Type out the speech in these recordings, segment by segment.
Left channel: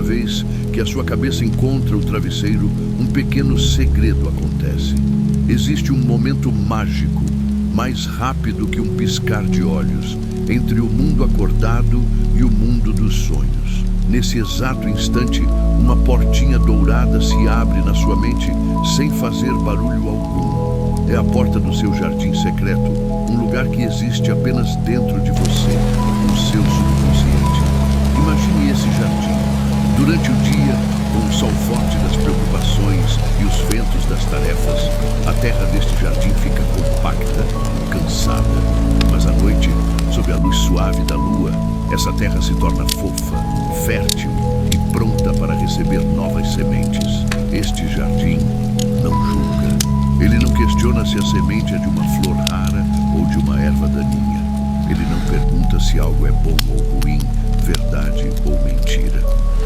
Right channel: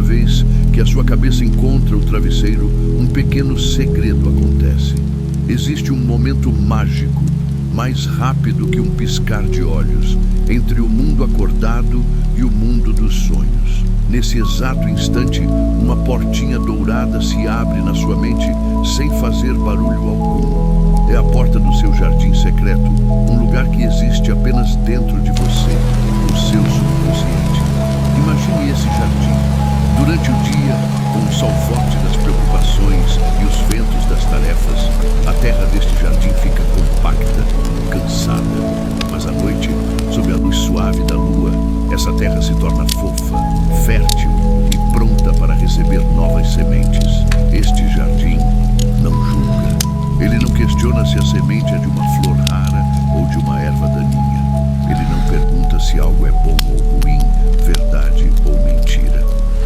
Cada vez que a sua cabeça encontra o travesseiro, um pequeno segredo acontece. Existe um momento mágico, mais rápido que um piscar de olhos, entre o mundo acordado e o mundo dos sonhos. Nesse exato instante, uma portinha dourada se abre na sua mente sem fazer barulho algum. É a porta do seu jardim secreto, um lugar que existe apenas dentro de você, o seu subconsciente. Imagine esse jardim. Durante o dia, com o sol forte das preocupações e os ventos das tarefas, a terra deste jardim fica compacta, cansada. Mas à noite, sob a luz suave da lua, essa terra se torna fofa, fértil e pronta para receber novas sementes. Este jardim não julga. Ele não questiona se a semente é de uma flor rara ou de uma erva daninha. Ele não pergunta se algo é bom ou ruim, verdade ou mentira.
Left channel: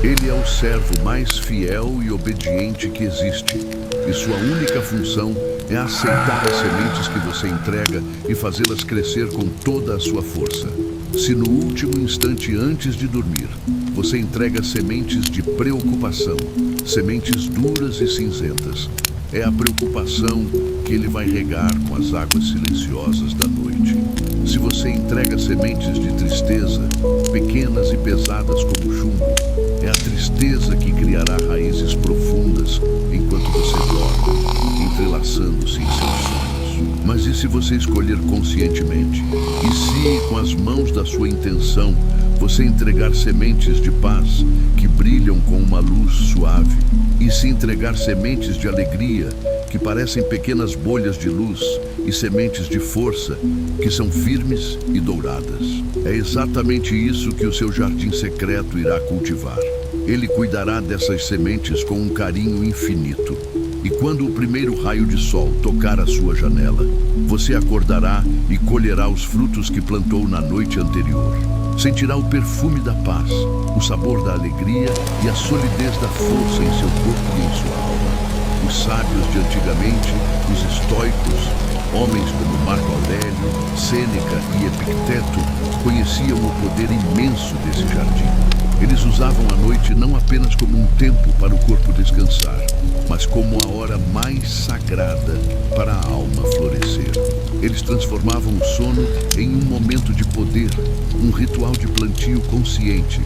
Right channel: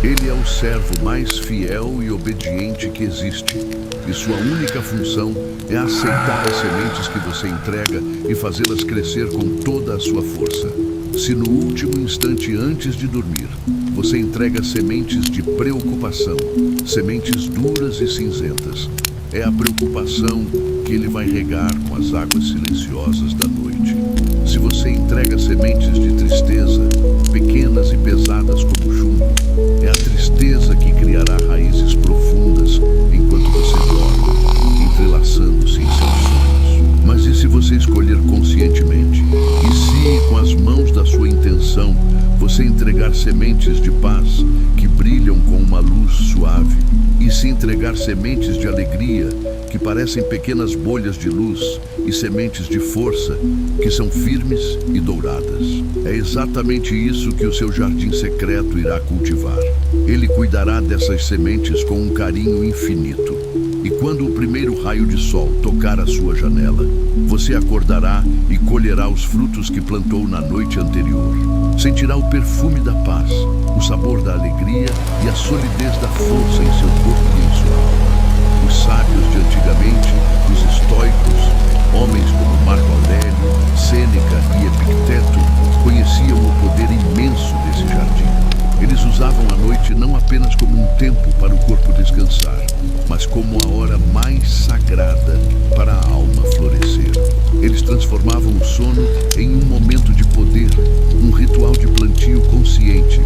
Ele é o servo mais fiel e obediente que existe, e sua única função é aceitar as sementes que você entrega e fazê-las crescer com toda a sua força. Se no último instante antes de dormir, você entrega sementes de preocupação, sementes duras e cinzentas, é a preocupação que ele vai regar com as águas silenciosas da noite. Se você entrega sementes de tristeza, pequenas e pesadas como chumbo, é a tristeza que criará raízes profundas enquanto você dorme, entrelaçando-se em seus sonhos. Mas e se você escolher conscientemente? E se, com as mãos da sua intenção, você entregar sementes de paz que brilham com uma luz suave? E se entregar sementes de alegria que parecem pequenas bolhas de luz e sementes de força que são firmes e douradas? É exatamente isso que o seu jardim secreto irá cultivar. Ele cuidará dessas sementes com um carinho infinito. E quando o primeiro raio de sol tocar a sua janela, você acordará e colherá os frutos que plantou na noite anterior. Sentirá o perfume da paz, o sabor da alegria e a solidez da força em seu corpo e em sua alma. Os sábios de antigamente, os estoicos, homens como Marco Aurélio, Sêneca e Epicteto, conheciam o poder imenso desse jardim. Eles usavam a noite não apenas como um tempo para o corpo descansar, mas como a hora mais sagrada para a alma florescer. Eles transformavam o sono em um momento de poder, um ritual de plantio consciente.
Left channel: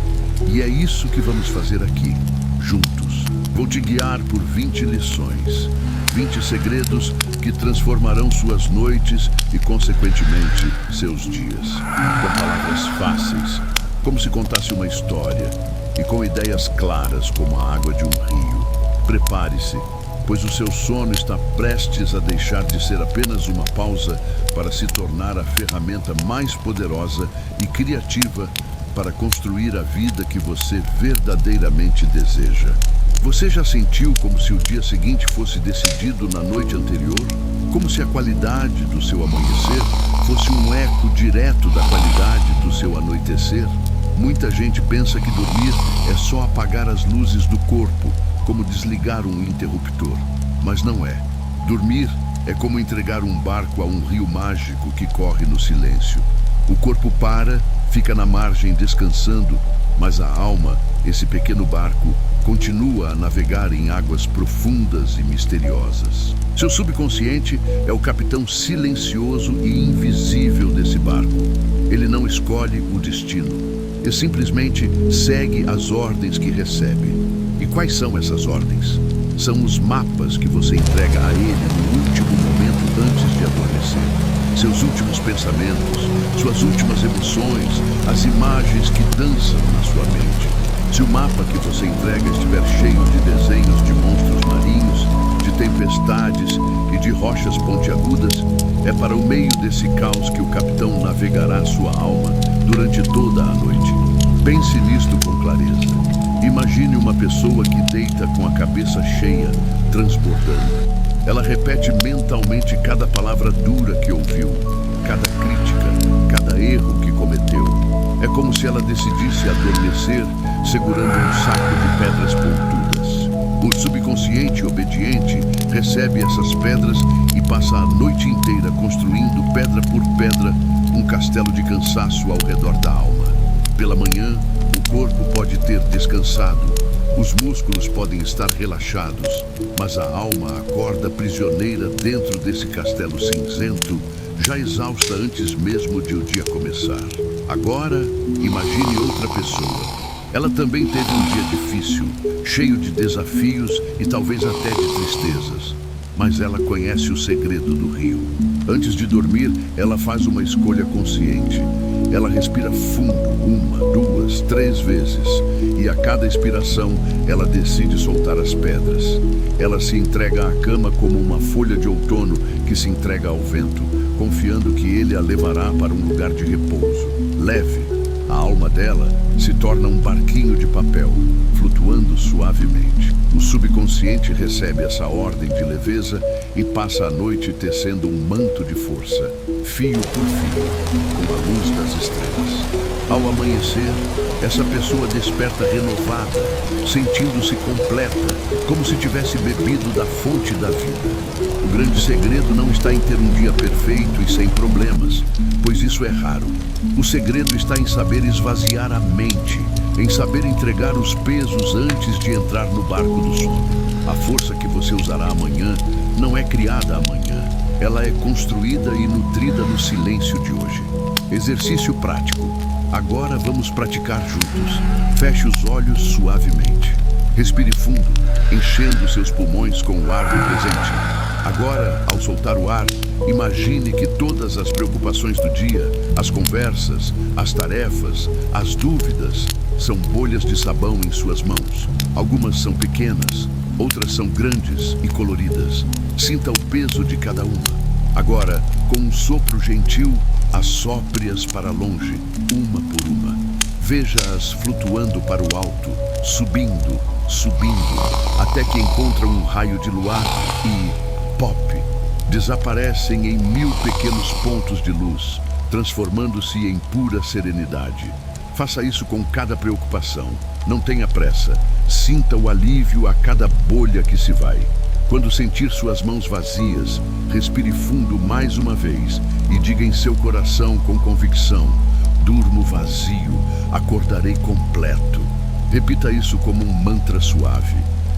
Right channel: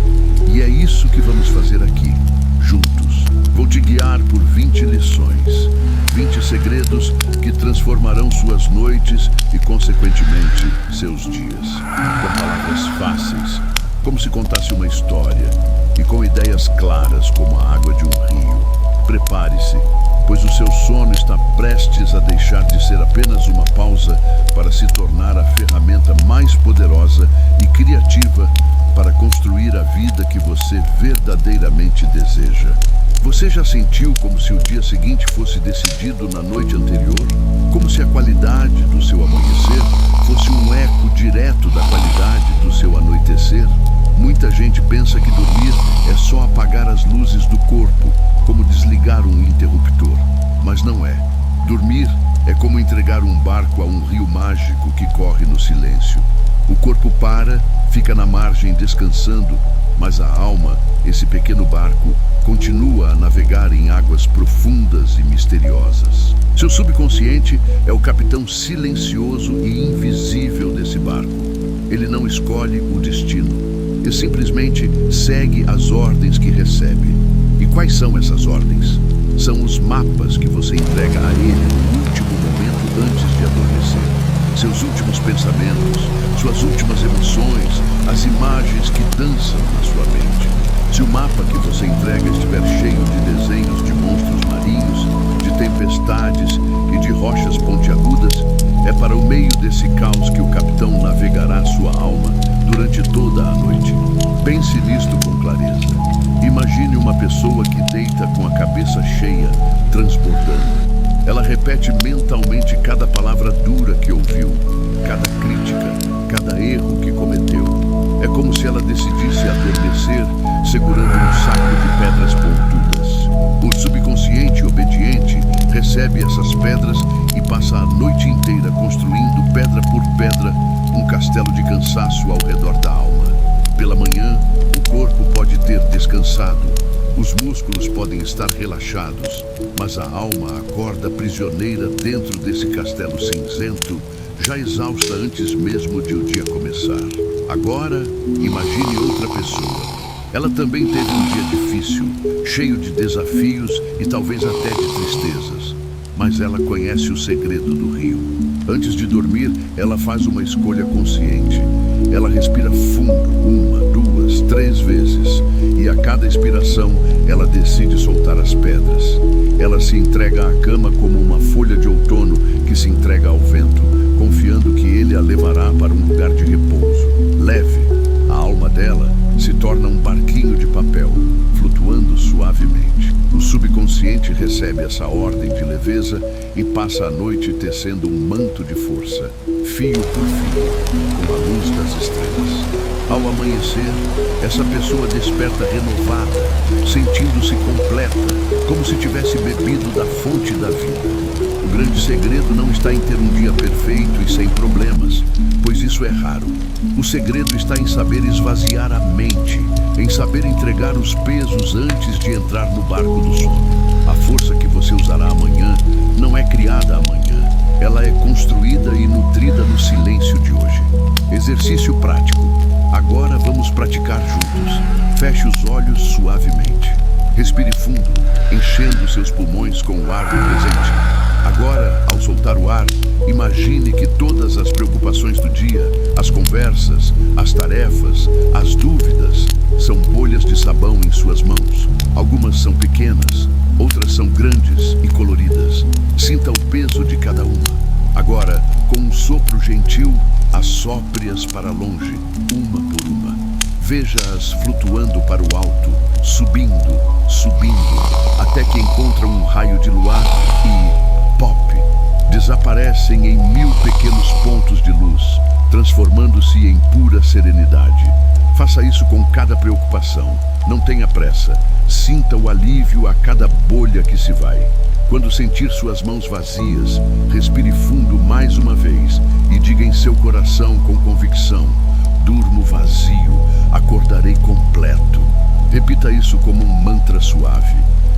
E é isso que vamos fazer aqui, juntos. Vou te guiar por 20 lições, 20 segredos que transformarão suas noites e, consequentemente, seus dias. Com palavras fáceis, como se contasse uma história, e com ideias claras como a água de um rio. Prepare-se, pois o seu sono está prestes a deixar de ser apenas uma pausa para se tornar a ferramenta mais poderosa e criativa para construir a vida que você verdadeiramente deseja. Você já sentiu como se o dia seguinte fosse decidido na noite anterior? Como se a qualidade do seu amanhecer fosse um eco direto da qualidade do seu anoitecer? Muita gente pensa que dormir é só apagar as luzes do corpo, como desligar um interruptor. Mas não é. Dormir é como entregar um barco a um rio mágico que corre no silêncio. O corpo para, fica na margem descansando, mas a alma, esse pequeno barco, continua a navegar em águas profundas e misteriosas. Seu subconsciente é o capitão silencioso e invisível desse barco. Ele não escolhe o destino. Ele simplesmente segue as ordens que recebe. E quais são essas ordens? São os mapas que você entrega a ele no último momento antes de adormecer. Seus últimos pensamentos, suas últimas emoções, as imagens que dançam na sua mente. Se o mapa que você entrega estiver cheio de desenhos de monstros marinhos, de tempestades e de rochas pontiagudas, é para o meio desse caos que o capitão navegará sua alma durante toda a noite. Pense nisto com clareza. Imagine uma pessoa que deita com a cabeça cheia, transbordando. Ela repete mentalmente cada palavra dura que ouviu, cada crítica, cada erro que cometeu. É como se ela decidisse adormecer segurando um saco de pedras pontudas. O subconsciente obediente recebe essas pedras e passa a noite inteira construindo pedra por pedra um castelo de cansaço ao redor da alma. Pela manhã, o corpo pode ter descansado, Os músculos podem estar relaxados, mas a alma acorda prisioneira dentro desse castelo cinzento, já exausta antes mesmo de o dia começar. Agora, imagine outra pessoa. Ela também teve um dia difícil, cheio de desafios e talvez até de tristezas. Mas ela conhece o segredo do rio. Antes de dormir, ela faz uma escolha consciente. Ela respira fundo, 1, 2, 3 vezes. E a cada expiração, ela decide soltar as pedras. Ela se entrega à cama como uma folha de outono que se entrega ao vento, confiando que ele a levará para um lugar de repouso. Leve, a alma dela se torna um barquinho de papel, flutuando suavemente. O subconsciente recebe essa ordem de leveza e passa a noite tecendo um manto de força, fio por fio, com a luz das estrelas. Ao amanhecer, essa pessoa desperta renovada, sentindo-se completa, como se tivesse bebido da fonte da vida. O grande segredo não está em ter um dia perfeito e sem problemas, pois isso é raro. O segredo está em saber esvaziar a mente, em saber entregar os pesos antes de entrar no barco do sono. A força que você usará amanhã não é criada amanhã. Ela é construída e nutrida no silêncio de hoje. Exercício prático. Agora vamos praticar juntos. Feche os olhos suavemente. Respire fundo, enchendo seus pulmões com o ar do presente. Agora, ao soltar o ar, imagine que todas as preocupações do dia, as conversas, as tarefas, as dúvidas, são bolhas de sabão em suas mãos. Algumas são pequenas, outras são grandes e coloridas. Sinta o peso de cada uma. Agora, com um sopro gentil, assopre-as para longe, uma por uma. Veja-as flutuando para o alto, subindo, subindo, até que encontram um raio de luar e, pop, desaparecem em 1000 pequenos pontos de luz, transformando-se em pura serenidade. Faça isso com cada preocupação. Não tenha pressa. Sinta o alívio a cada bolha que se vai. Quando sentir suas mãos vazias, respire fundo mais uma vez e diga em seu coração com convicção: durmo vazio, acordarei completo. Repita isso como um mantra suave.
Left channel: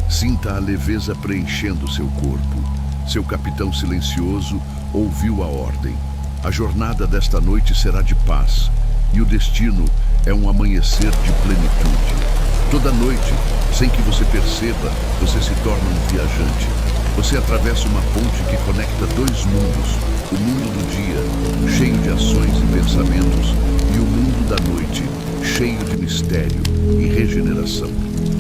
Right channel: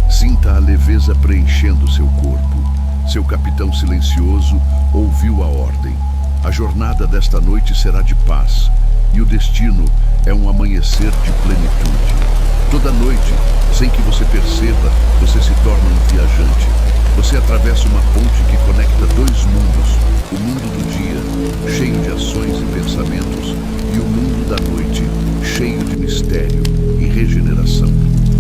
Sinta a leveza preenchendo seu corpo. Seu capitão silencioso ouviu a ordem. A jornada desta noite será de paz, e o destino é um amanhecer de plenitude. Toda noite, sem que você perceba, você se torna um viajante. Você atravessa uma ponte que conecta 2 mundos: o mundo do dia, cheio de ações e pensamentos, e o mundo da noite, cheio de mistério e regeneração.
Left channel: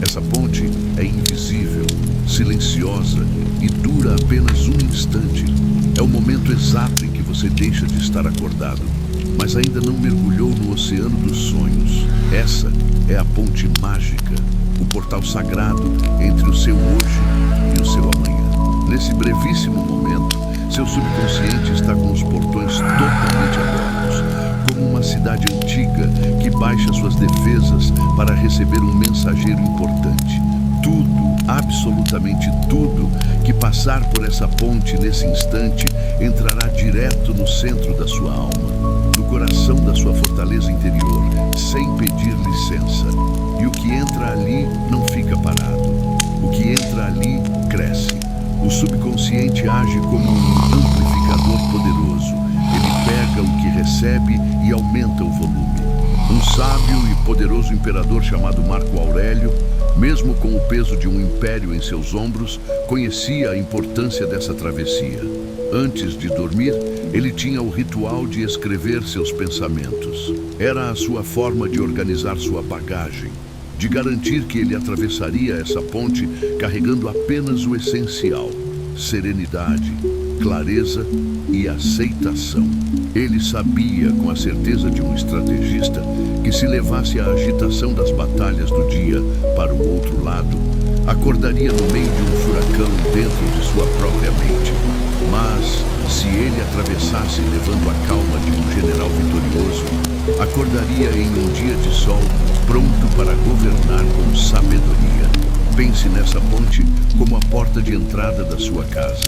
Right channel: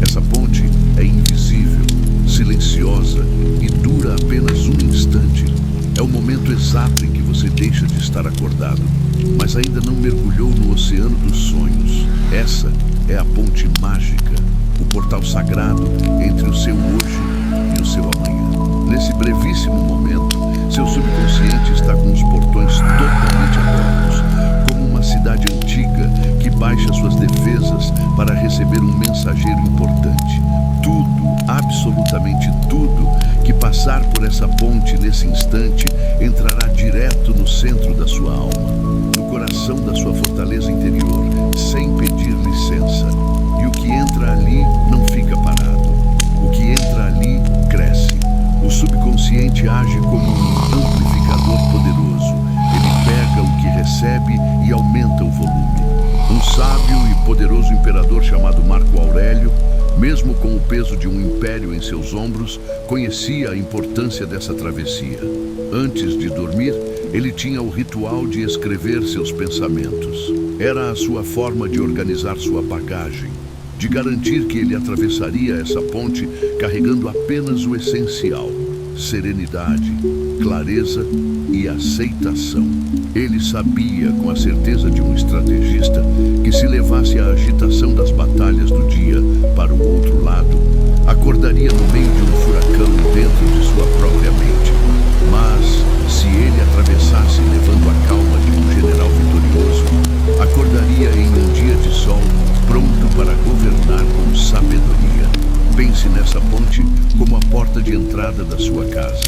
Essa ponte é invisível, silenciosa e dura apenas um instante. É o momento exato em que você deixa de estar acordado, mas ainda não mergulhou no oceano dos sonhos. Essa é a ponte mágica, o portal sagrado entre o seu hoje e o seu amanhã. Nesse brevíssimo momento, seu subconsciente está com os portões totalmente abertos, como uma cidade antiga que baixa suas defesas para receber um mensageiro importante. Tudo, absolutamente tudo, que passar por essa ponte nesse instante entrará direto no centro da sua alma, no coração da sua fortaleza interior, sem pedir licença. E o que entra ali não fica parado. O que entra ali cresce. O subconsciente age como um amplificador poderoso. Ele pega o que recebe e aumenta o volume. Um sábio e poderoso imperador chamado Marco Aurélio, mesmo com o peso de um império em seus ombros, conhecia a importância dessa travessia. Antes de dormir, ele tinha o ritual de escrever seus pensamentos. Era a sua forma de organizar sua bagagem, de garantir que ele atravessaria essa ponte carregando apenas o essencial: serenidade, clareza e aceitação. Ele sabia, com a certeza de um estrategista, que se levasse a agitação das batalhas do dia para o outro lado, acordaria no meio de um furacão dentro de sua própria mente. Mas, se ele atravessasse levando a calma de um general vitorioso, acordaria em um dia de sol, pronto para governar com sabedoria. Pense nessa ponte como a porta de entrada da sua casa.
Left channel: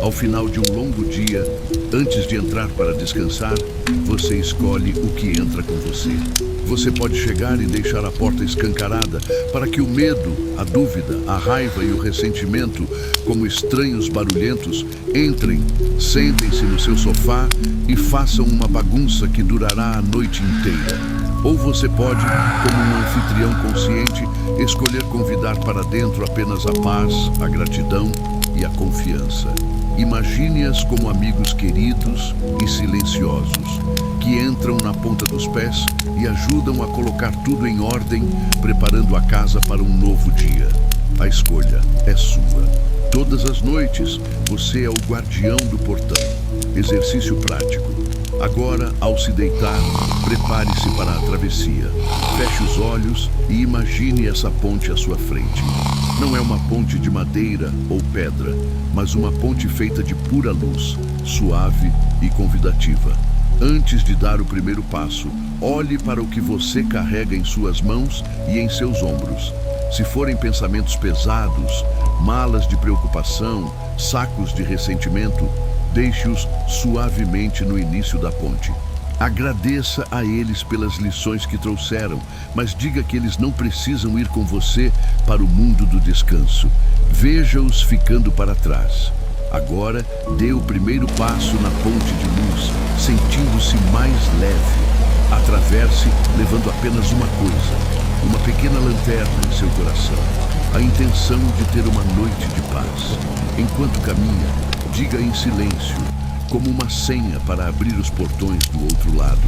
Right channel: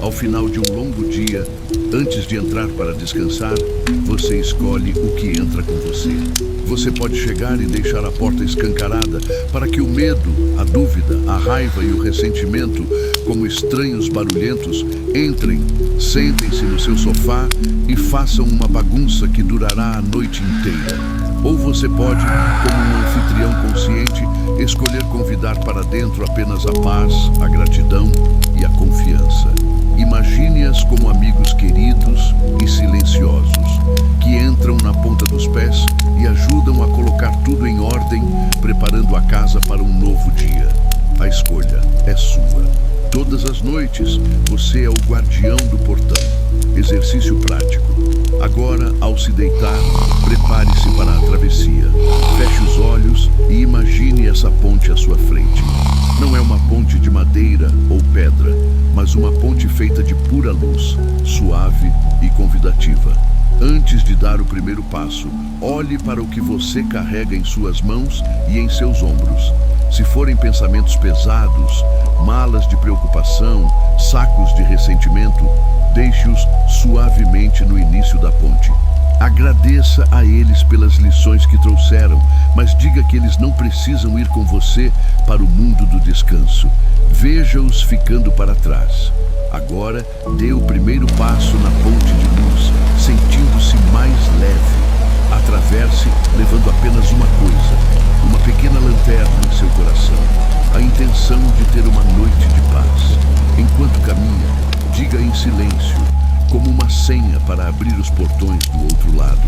Ao final de um longo dia, antes de entrar para descansar, você escolhe o que entra com você. Você pode chegar e deixar a porta escancarada para que o medo, a dúvida, a raiva e o ressentimento, como estranhos barulhentos, entrem, sentem-se no seu sofá e façam uma bagunça que durará a noite inteira. Ou você pode, como um anfitrião consciente, escolher convidar para dentro apenas a paz, a gratidão e a confiança. Imagine-as como amigos queridos e silenciosos, que entram na ponta dos pés e ajudam a colocar tudo em ordem, preparando a casa para um novo dia. A escolha é sua. Todas as noites, você é o guardião do portão. Exercício prático. Agora, ao se deitar, prepare-se para a travessia. Feche os olhos e imagine essa ponte à sua frente. Não é uma ponte de madeira ou pedra, mas uma ponte feita de pura luz, suave e convidativa. Antes de dar o primeiro passo, olhe para o que você carrega em suas mãos e em seus ombros. Se forem pensamentos pesados, malas de preocupação, sacos de ressentimento, deixe-os suavemente no início da ponte. Agradeça a eles pelas lições que trouxeram, mas diga que eles não precisam ir com você para o mundo do descanso. Veja-os ficando para trás. Agora, dê o primeiro passo na ponte de luz, sentindo-se mais leve. Atravesse levando apenas uma coisa, uma pequena lanterna em seu coração, a intenção de ter uma noite de paz. Enquanto caminha, diga em silêncio, como uma senha para abrir os portões do outro lado.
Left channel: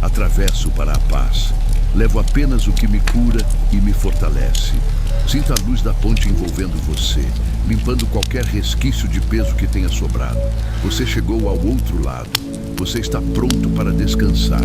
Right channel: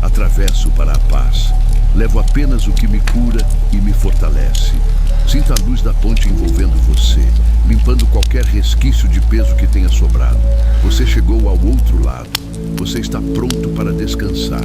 Atravesso para a paz. Levo apenas o que me cura e me fortalece. Sinta a luz da ponte envolvendo você, limpando qualquer resquício de peso que tenha sobrado. Você chegou ao outro lado. Você está pronto para descansar.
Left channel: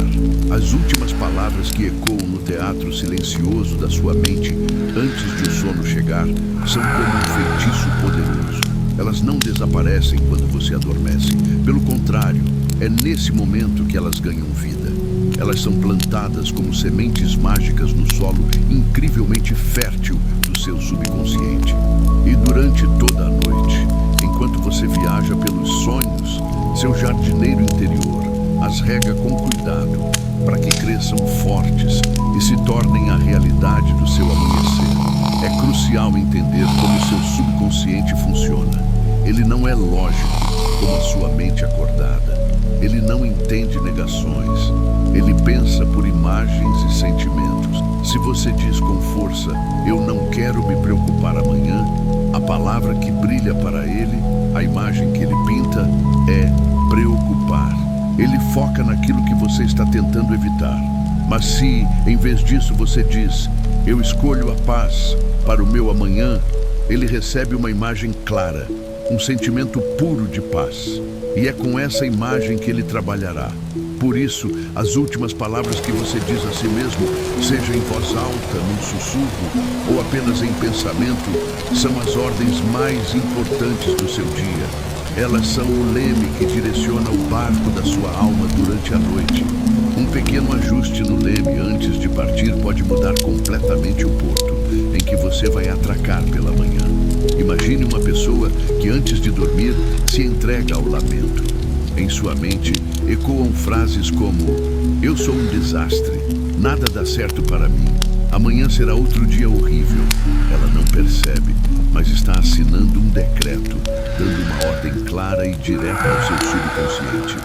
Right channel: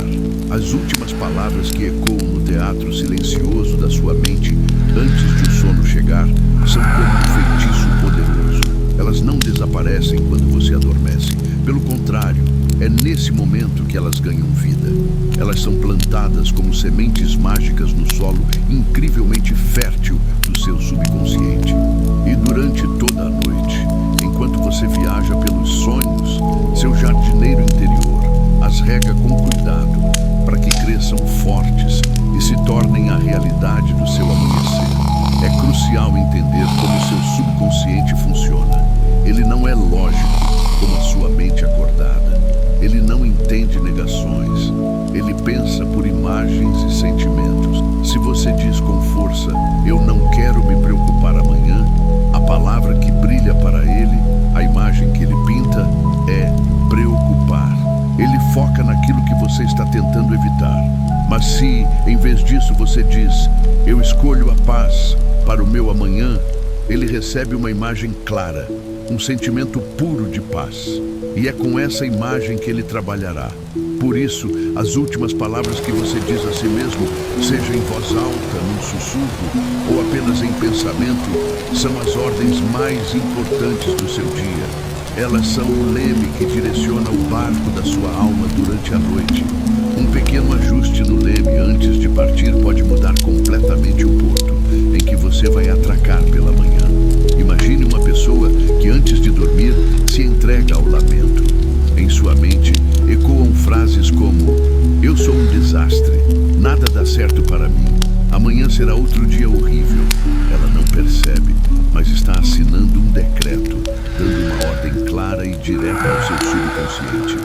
As últimas palavras que ecoam no teatro silencioso da sua mente antes de o sono chegar são como um feitiço poderoso. Elas não desaparecem quando você adormece. Pelo contrário, é nesse momento que elas ganham vida. Elas são plantadas como sementes mágicas no solo incrivelmente fértil do seu subconsciente. E durante toda a noite, enquanto você viaja pelos sonhos, seu jardineiro interior as rega com cuidado para que cresçam fortes e se tornem a realidade do seu amanhecer. É crucial entender como seu subconsciente funciona. Ele não é lógico como a sua mente acordada. Ele não entende negações. Ele pensa por imagens e sentimentos. Se você diz com força, eu não quero me preocupar amanhã, a palavra que brilha para ele, a imagem que ele pinta, é preocupar. Ele foca naquilo que você está tentando evitar. Mas se, em vez disso, você diz, eu escolho a paz para o meu amanhã, ele recebe uma imagem clara, um sentimento puro de paz. E é com essa imagem que ele trabalhará. Por isso, as últimas palavras que você diz a si mesmo, seja em voz alta, num sussurro ou apenas em pensamento, são as ordens mais importantes do seu dia. Elas são o leme que direciona o barco da sua alma durante a noite. Um pequeno ajuste no leme antes de partir pode mudar completamente o porto em que você vai atracar pela manhã. Imagine uma pessoa que antes de dormir se entrega ao lamento. Em sua mente ecoam frases como: eu sou um desastre, nada dá certo para mim, amanhã será outro dia horrível. Ela não percebe, mas está assinando um decreto, dando uma ordem clara e direta ao seu subconsciente.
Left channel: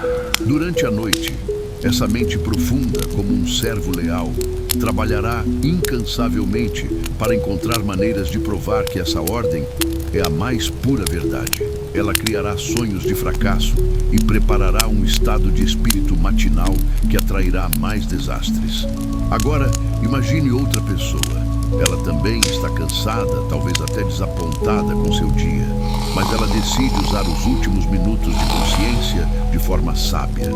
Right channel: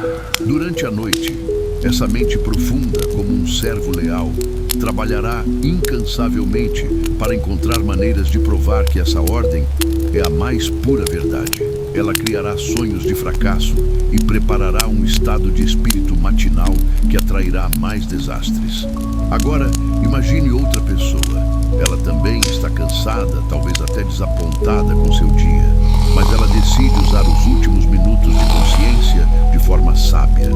Durante a noite, essa mente profunda, como um servo leal, trabalhará incansavelmente para encontrar maneiras de provar que essa ordem é a mais pura verdade. Ela criará sonhos de fracasso e preparará um estado de espírito matinal que atrairá mais desastres. Agora, imagine outra pessoa. Ela também está cansada, talvez até desapontada com seu dia, mas ela decide usar os últimos minutos de consciência de forma sábia.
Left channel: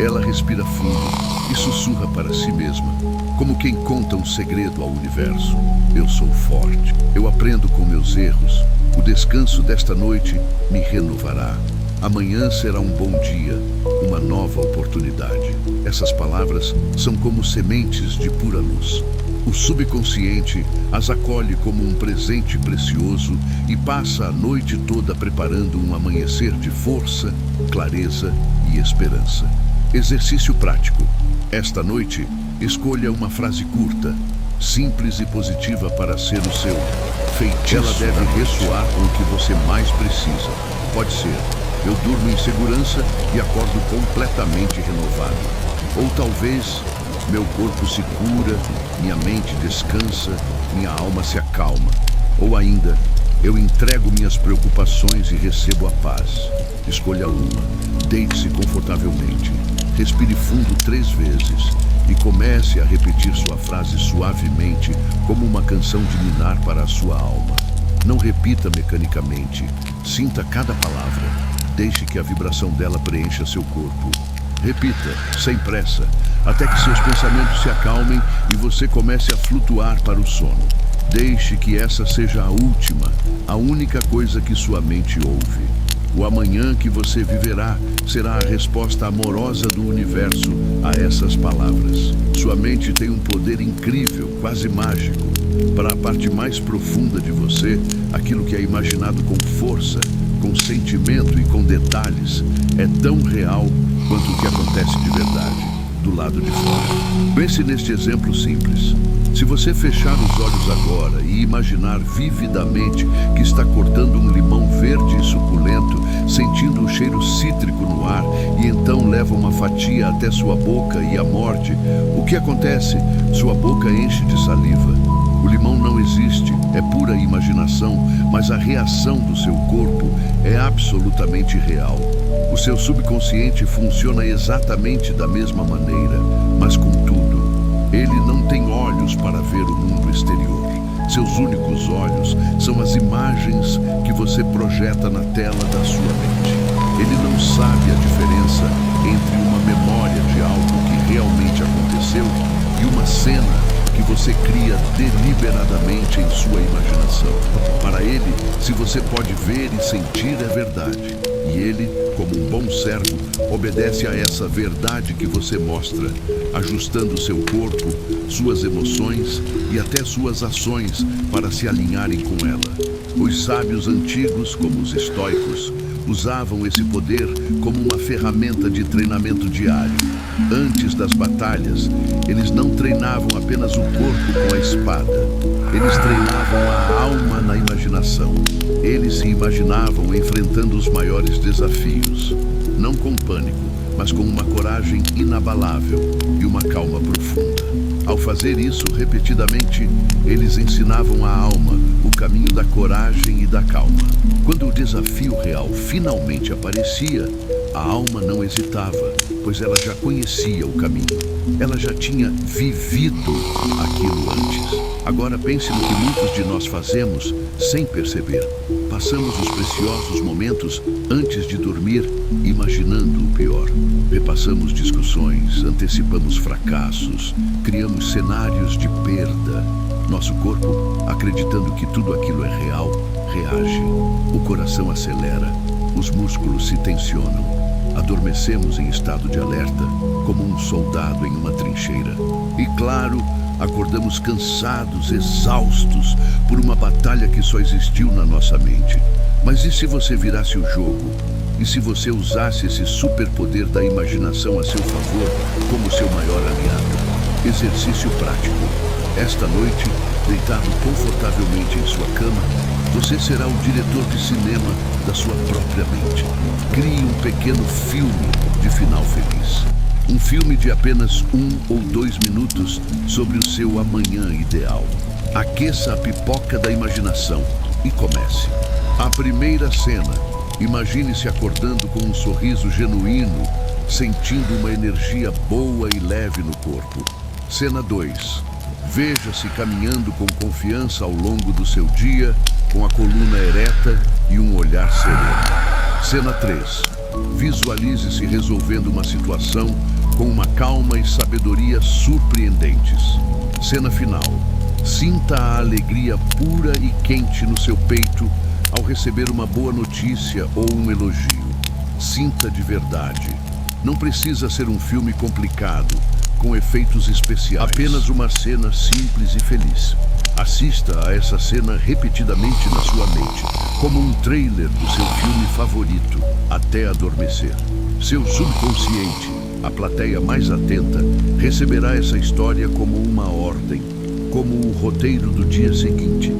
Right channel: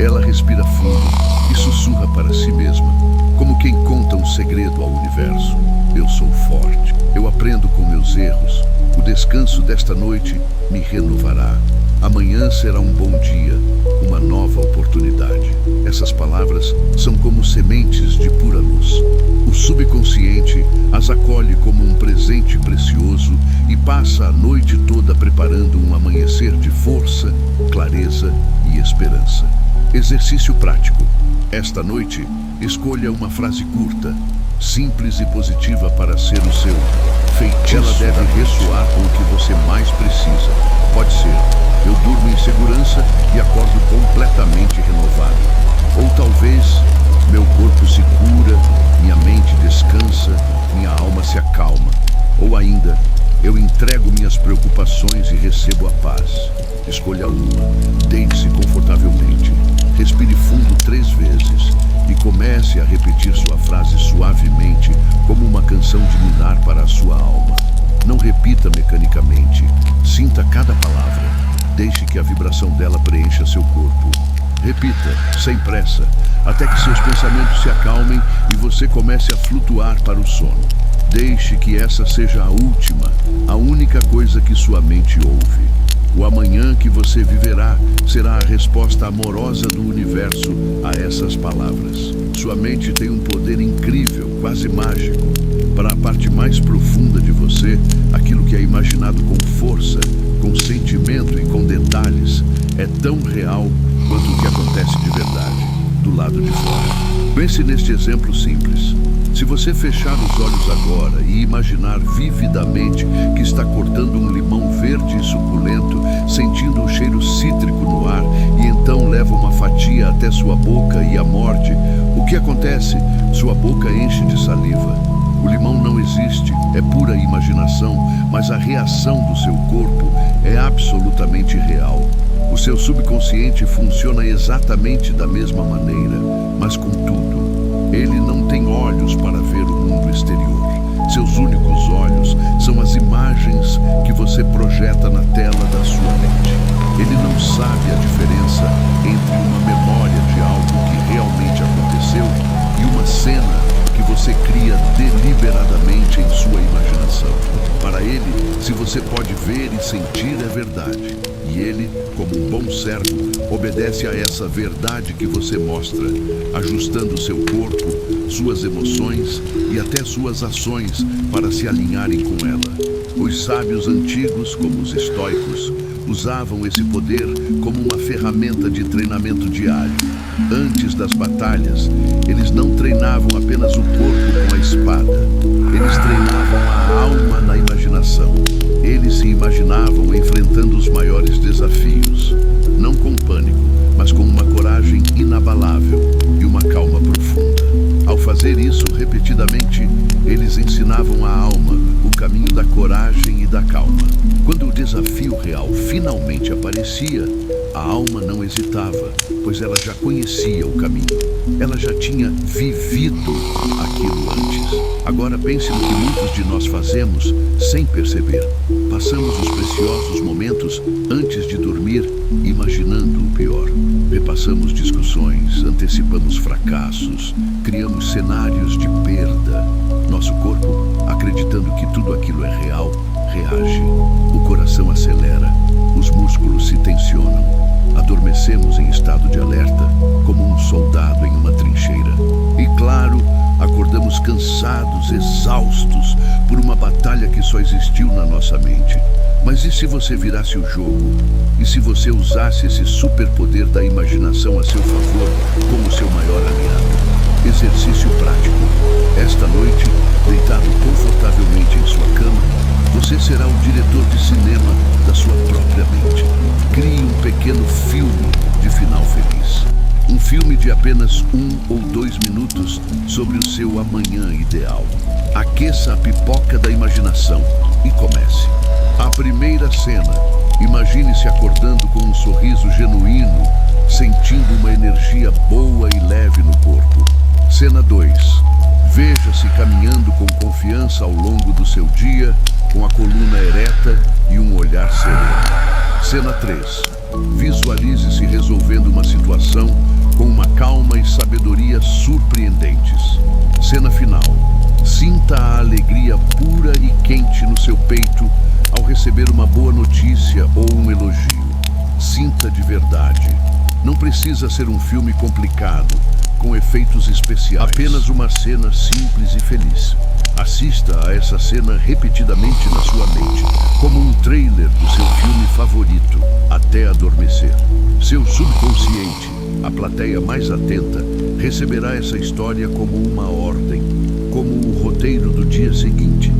Ela respira fundo e sussurra para si mesma, como quem conta um segredo ao universo. Eu sou forte. Eu aprendo com meus erros. O descanso desta noite me renovará. Amanhã será um bom dia, uma nova oportunidade. Essas palavras são como sementes de pura luz. O subconsciente as acolhe como um presente precioso e passa a noite toda preparando um amanhecer de força, clareza e esperança. Exercício prático. Esta noite, escolha uma frase curta, simples e positiva para ser o seu feitiço. Ela deve ressoar com o que você mais precisa. Pode ser: eu durmo em segurança e acordo completamente renovado. Ou talvez: meu corpo se cura, minha mente descansa, minha alma se acalma. Ou ainda: eu entrego minhas preocupações e recebo a paz. Escolha uma. Deite-se confortavelmente. Respire fundo 3 vezes e comece a repetir sua frase suavemente, como uma canção de ninar para a sua alma. Não repita mecanicamente. Sinta cada palavra. Deixe que a vibração dela preencha seu corpo. Repita, sem pressa, até que seus pensamentos se acalmem e você comece a flutuar para o sono. Deixe que essa seja a última, a única coisa que sua mente ouve. O amanhã que você viverá será a resposta amorosa do universo a essas palavras. Sua mente tem um poder incrível, quase mágico. Para a parte mais profunda de você, aquilo que é imaginado com força, com sentimento e com detalhes, é tão real quanto o que acontece de verdade, do lado de fora. Pense neste exemplo simples. Se você fechar os olhos agora e imaginar vividamente que está cortando um limão verde e suculento, sentindo o cheiro cítrico no ar, e então leva uma fatia até sua boca e a morde, o que acontece? Sua boca enche de saliva. O limão não existe, é pura imaginação, mas a reação do seu corpo é absolutamente real. O seu subconsciente funciona exatamente da mesma maneira, mas contudo, ele não tem olhos para ver o mundo exterior. Seus únicos olhos são as imagens que você projeta na tela da sua mente. Ele não sabe a diferença entre uma memória de algo que realmente aconteceu e uma cena que você cria deliberadamente em sua imaginação. Para ele, se você pode ver e sentir, é verdade. E ele, como um bom servo, obedece a essa verdade que você mostra, ajustando seu corpo, suas emoções e até suas ações para se alinharem com ela. Os sábios antigos, como os estoicos, usavam esse poder como uma ferramenta de treinamento diário. Antes das batalhas, eles não treinavam apenas o corpo com a espada. Eles treinavam a alma na imaginação. Eles se imaginavam enfrentando os maiores desafios. Não com pânico, mas com uma coragem inabalável e uma calma profunda. Ao fazer isso repetidamente, eles ensinavam à alma o caminho da coragem e da calma. Quando o desafio real finalmente aparecia, a alma não hesitava, pois ela já conhecia o caminho. Ela já tinha vivido aquilo antes. Agora pense no que muitos de nós fazemos sem perceber. Passamos os preciosos momentos antes de dormir imaginando o pior. Repassamos discussões, antecipamos fracassos, criamos cenários de perda. Nosso corpo, acreditando que tudo aquilo é real, reage. O coração acelera, os músculos se tensionam. Adormecemos em estado de alerta, como um soldado em uma trincheira. E claro, acordamos cansados, exaustos, por uma batalha que só existiu na nossa mente. Mas e se você virasse o jogo? E se você usasse esse superpoder da imaginação a seu favor como seu maior aliado? Exercício prático. Esta noite, deitado confortavelmente em sua cama, você será o diretor de cinema da sua própria mente. Crie um pequeno filme de final feliz. Um filme de apenas 1 ou 2 minutos sobre o seu amanhã ideal. Aqueça a pipoca da imaginação e comece. A primeira cena. Imagine-se acordando com um sorriso genuíno, sentindo uma energia boa e leve no corpo. Cena 2. Veja-se caminhando com confiança ao longo do seu dia, com a coluna ereta e um olhar sereno. Cena 3. Visualize-se resolvendo uma situação com uma calma e sabedoria surpreendentes. Cena final. Sinta a alegria pura e quente no seu peito ao receber uma boa notícia ou um elogio. Sinta de verdade. Não precisa ser um filme complicado, com efeitos especiais. Apenas uma cena simples e feliz. Assista a essa cena repetidamente na sua mente, como um trailer do seu filme favorito, até adormecer. Seu subconsciente, a plateia mais atenta, receberá essa história como uma ordem, como o roteiro do dia seguinte,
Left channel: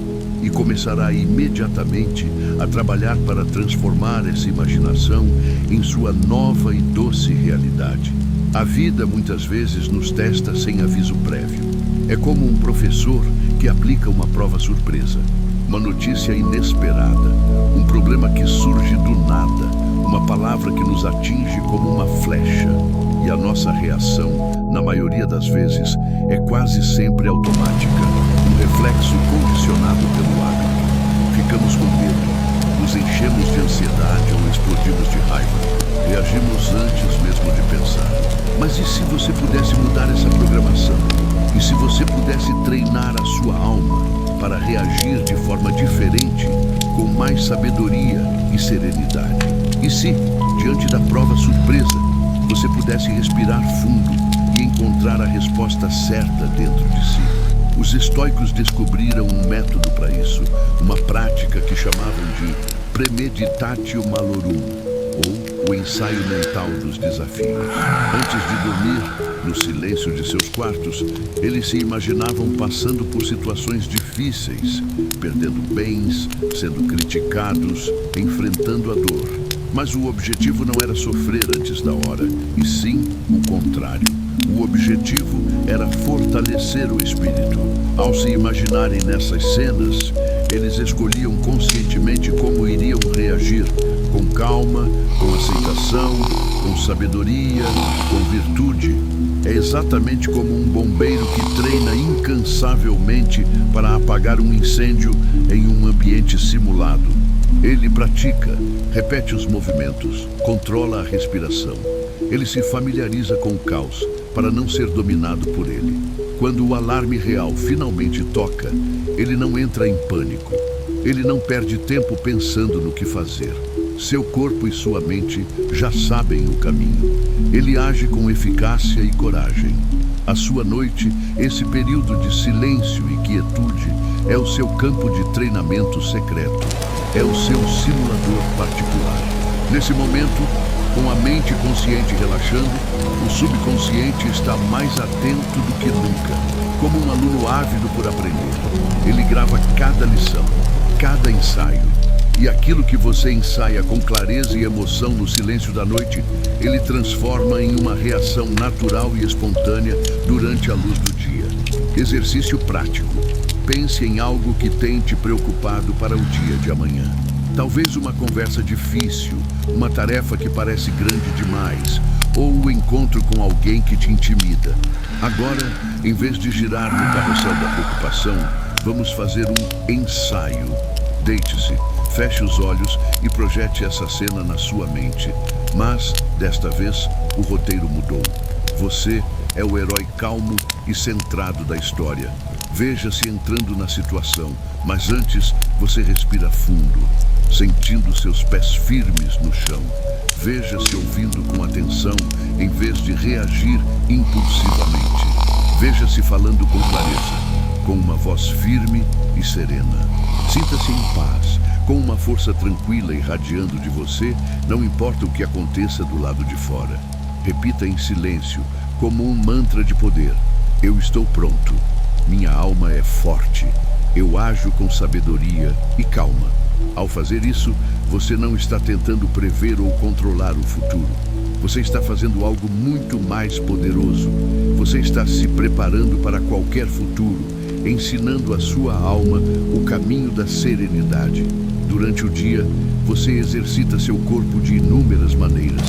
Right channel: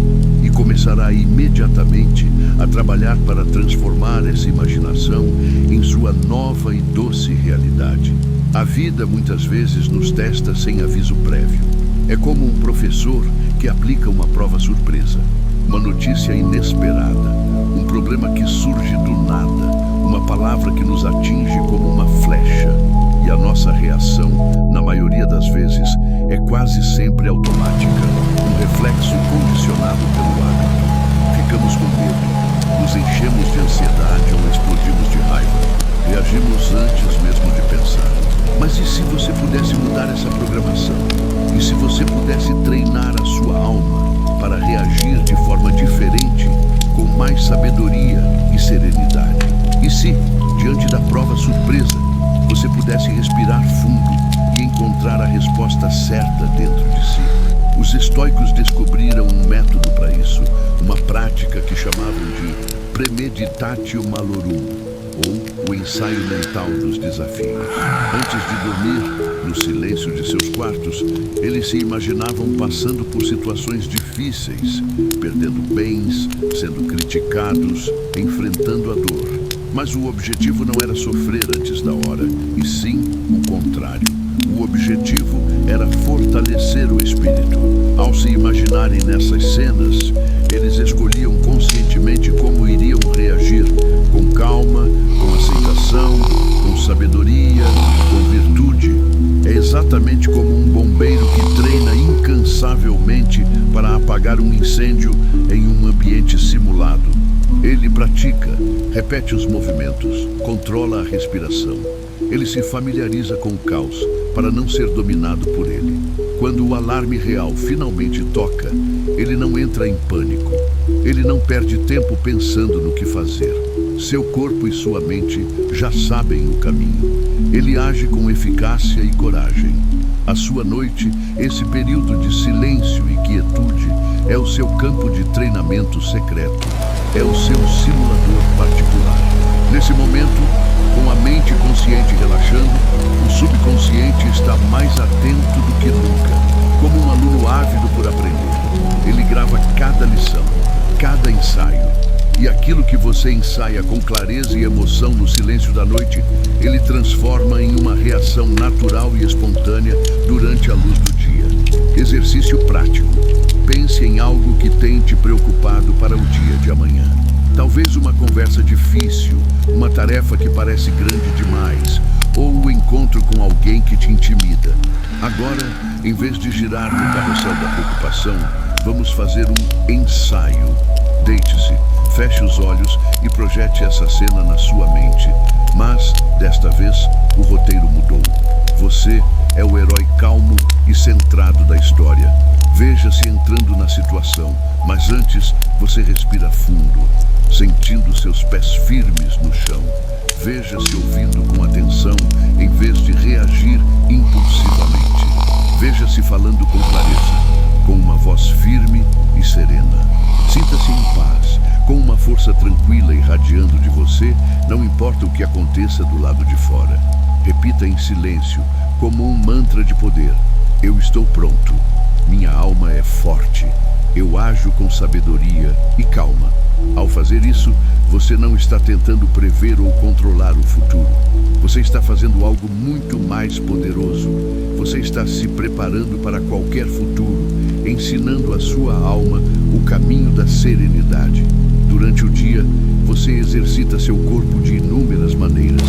e começará imediatamente a trabalhar para transformar essa imaginação em sua nova e doce realidade. A vida muitas vezes nos testa sem aviso prévio. É como um professor que aplica uma prova surpresa, uma notícia inesperada, um problema que surge do nada, uma palavra que nos atinge como uma flecha. E a nossa reação, na maioria das vezes, é quase sempre automática, um reflexo condicionado pelo hábito. Ficamos com medo, nos enchemos de ansiedade ou explodimos de raiva. Reagimos antes mesmo de pensar. Mas e se você pudesse mudar essa programação? E se você pudesse treinar a sua alma para reagir de forma diferente, com mais sabedoria e serenidade? E se, diante da prova surpresa, você pudesse respirar fundo e encontrar a resposta certa dentro de si? Os estoicos descobriram um método para isso, uma prática que chamavam de premeditatio malorum, ou o ensaio mental dos desafios. Antes de dormir, no silêncio de seus quartos, eles se imaginavam passando por situações difíceis, perdendo bens, sendo criticados, enfrentando a dor. Mas o objetivo não era sofrer antes da hora, e sim o contrário. O objetivo era fortalecer o espírito. Ao se imaginarem nessas cenas, eles escolhiam conscientemente como iriam reagir, com calma, com aceitação, com sabedoria, com virtude. É exatamente como um bombeiro que treina incansavelmente para apagar um incêndio em um ambiente simulado. Ele pratica, repete os movimentos, controla a respiração. Ele se familiariza com o caos para não ser dominado por ele. Quando o alarme real finalmente toca, ele não entra em pânico. Ele não perde tempo pensando no que fazer. Seu corpo e sua mente já sabem o caminho. Ele age com eficácia e coragem. A sua noite, esse período de silêncio e quietude, é o seu campo de treinamento secreto. É o seu simulador particular. Nesse momento, com a mente consciente relaxando, o subconsciente está mais atento do que nunca. Como um aluno ávido por aprender, ele grava cada lição, cada ensaio. E aquilo que você ensaia com clareza e emoção no silêncio da noite, ele transforma em uma reação natural e espontânea durante a luz do dia. Exercício prático. Pense em algo que tem te preocupado para o dia de amanhã. Talvez uma conversa difícil, uma tarefa que parece grande demais, ou o encontro com alguém que te intimida. Agora, em vez de girar no carrossel da preocupação, vamos fazer um ensaio. Deite-se, feche os olhos e projete essa cena na sua mente. Mas, desta vez, o roteiro mudou. Você é o herói calmo e centrado da história. Veja-se entrando na situação, mas antes você respira fundo, sentindo seus pés firmes no chão. Veja-se ouvindo com atenção em vez de reagir impulsivamente. Veja-se falando com clareza, com uma voz firme e serena. Sinta-se em paz, com uma força tranquila irradiando de você, não importa o que aconteça do lado de fora. Repita em silêncio, como um mantra de poder: eu estou pronto. Minha alma é forte. Eu ajo com sabedoria e calma. Ao fazer isso, você não está tentando prever ou controlar o futuro. Você está fazendo algo muito mais poderoso. Você está se preparando para qualquer futuro, ensinando a sua alma o caminho da serenidade. Durante o dia, você exercita seu corpo de inúmeras maneiras.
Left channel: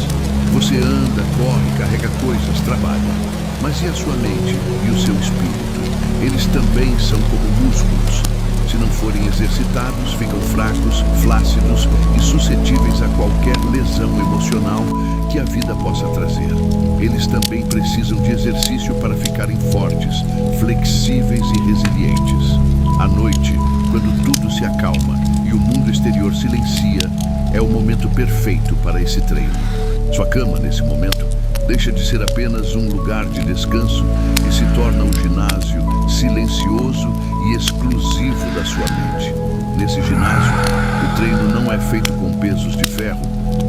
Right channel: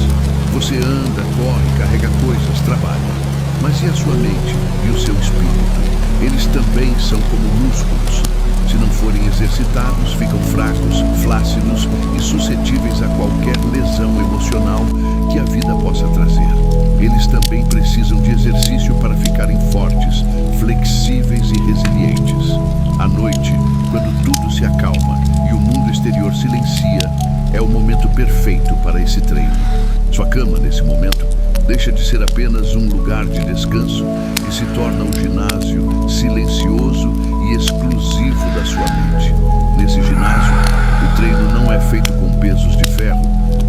Você anda, corre, carrega coisas, trabalha. Mas e a sua mente e o seu espírito? Eles também são como músculos. Se não forem exercitados, ficam fracos, flácidos e suscetíveis a qualquer lesão emocional que a vida possa trazer. Eles também precisam de exercício para ficarem fortes, flexíveis e resilientes. À noite, quando tudo se acalma e o mundo exterior silencia, é o momento perfeito para esse treino. Sua cama, nesse momento, Deixa de ser apenas um lugar de descanso e se torna um ginásio silencioso e exclusivo da sua mente. Nesse ginásio, o treino não é feito com pesos de ferro,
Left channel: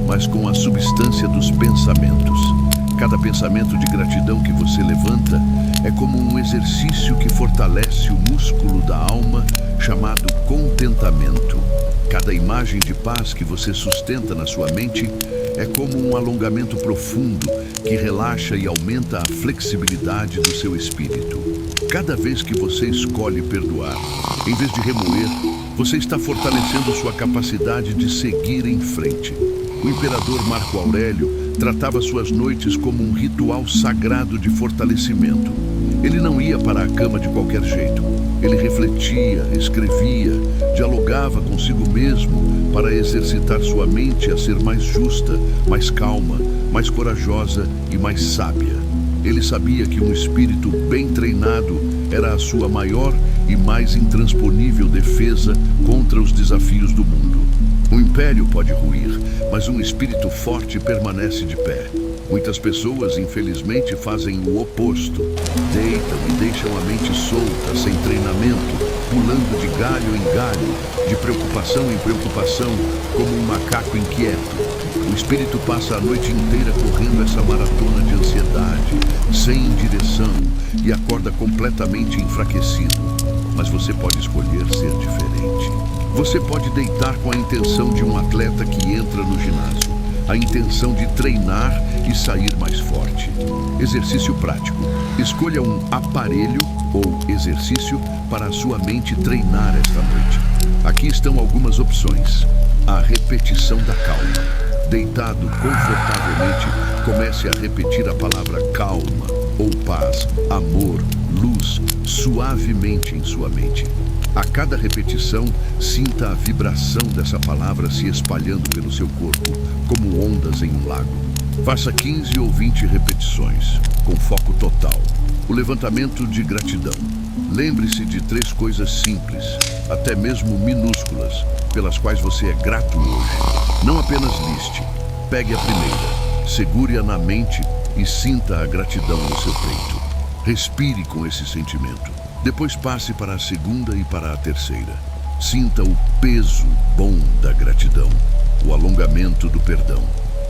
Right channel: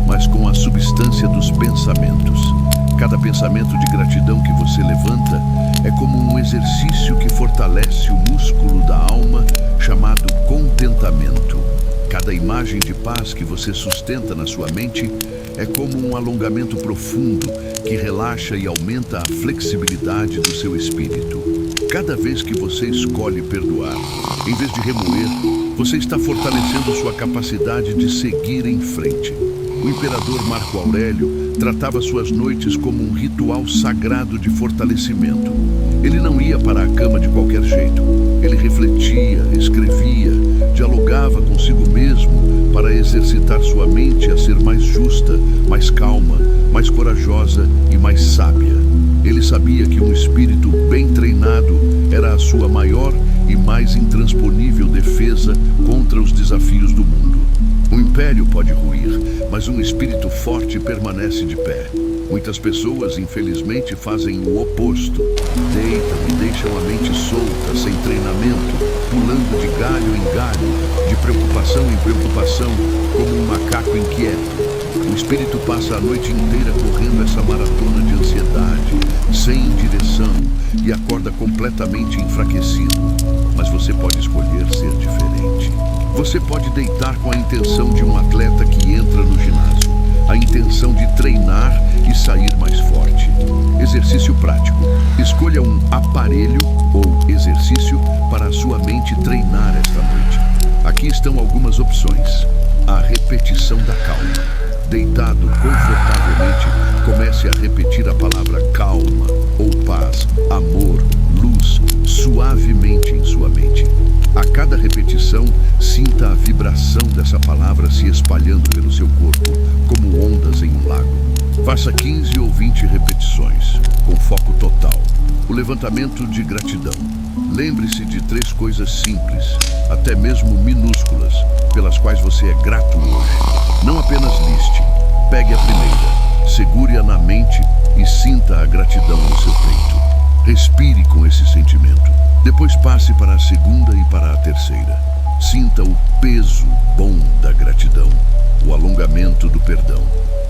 mas com a substância dos pensamentos. Cada pensamento de gratidão que você levanta é como um exercício que fortalece o músculo da alma chamado contentamento. Cada imagem de paz que você sustenta na sua mente é como um alongamento profundo que relaxa e aumenta a flexibilidade do seu espírito. Cada vez que você escolhe perdoar, em vez de remoer, você está fortalecendo sua capacidade de seguir em frente. O imperador Marco Aurélio tratava suas noites como um ritual sagrado de fortalecimento. Ele não ia para a cama de qualquer jeito. Ele refletia, escrevia, dialogava consigo mesmo para exercitar sua mente a ser mais justa, mais calma, mais corajosa e mais sábia. Ele sabia que um espírito bem treinado era a sua maior e mais intransponível defesa contra os desafios do mundo. Um império pode ruir, mas um espírito forte permanece de pé. Muitas pessoas, infelizmente, fazem o oposto. Deitam e deixam a mente solta, sem treinamento, pulando de galho em galho, de preocupação em preocupação, como um macaco inquieto. O espírito passa a noite inteira correndo essa maratona de ansiedade, sem direção, e acorda completamente enfraquecido. Mas você pode escolher ser diferente. Você pode deitar com a intenção de um atleta que entra no ginásio, a intenção de treinar e sair mais forte. Exercício prático. Escolha um aparelho ou exercício para a sua mente treinar esta noite. Aqui estão algumas opções. A repetição da calma. Deitado confortavelmente, comece a repetir a palavra calma ou paz, amor, luz, suavemente em sua mente. A cada repetição, sinta a vibração dessa palavra se espalhando pelo seu corpo, como ondas em um lago. Faça 15 ou 20 repetições, com foco total. O levantamento de gratidão. Lembre-se de 3 coisas simples, até mesmo minúsculas, pelas quais você é grato hoje. Não apenas liste. Pegue a primeira, segure-a na mente e sinta a gratidão no seu peito. Respire com esse sentimento. Depois passe para a segunda e para a terceira. Sinta o peso bom da gratidão, o alongamento do perdão.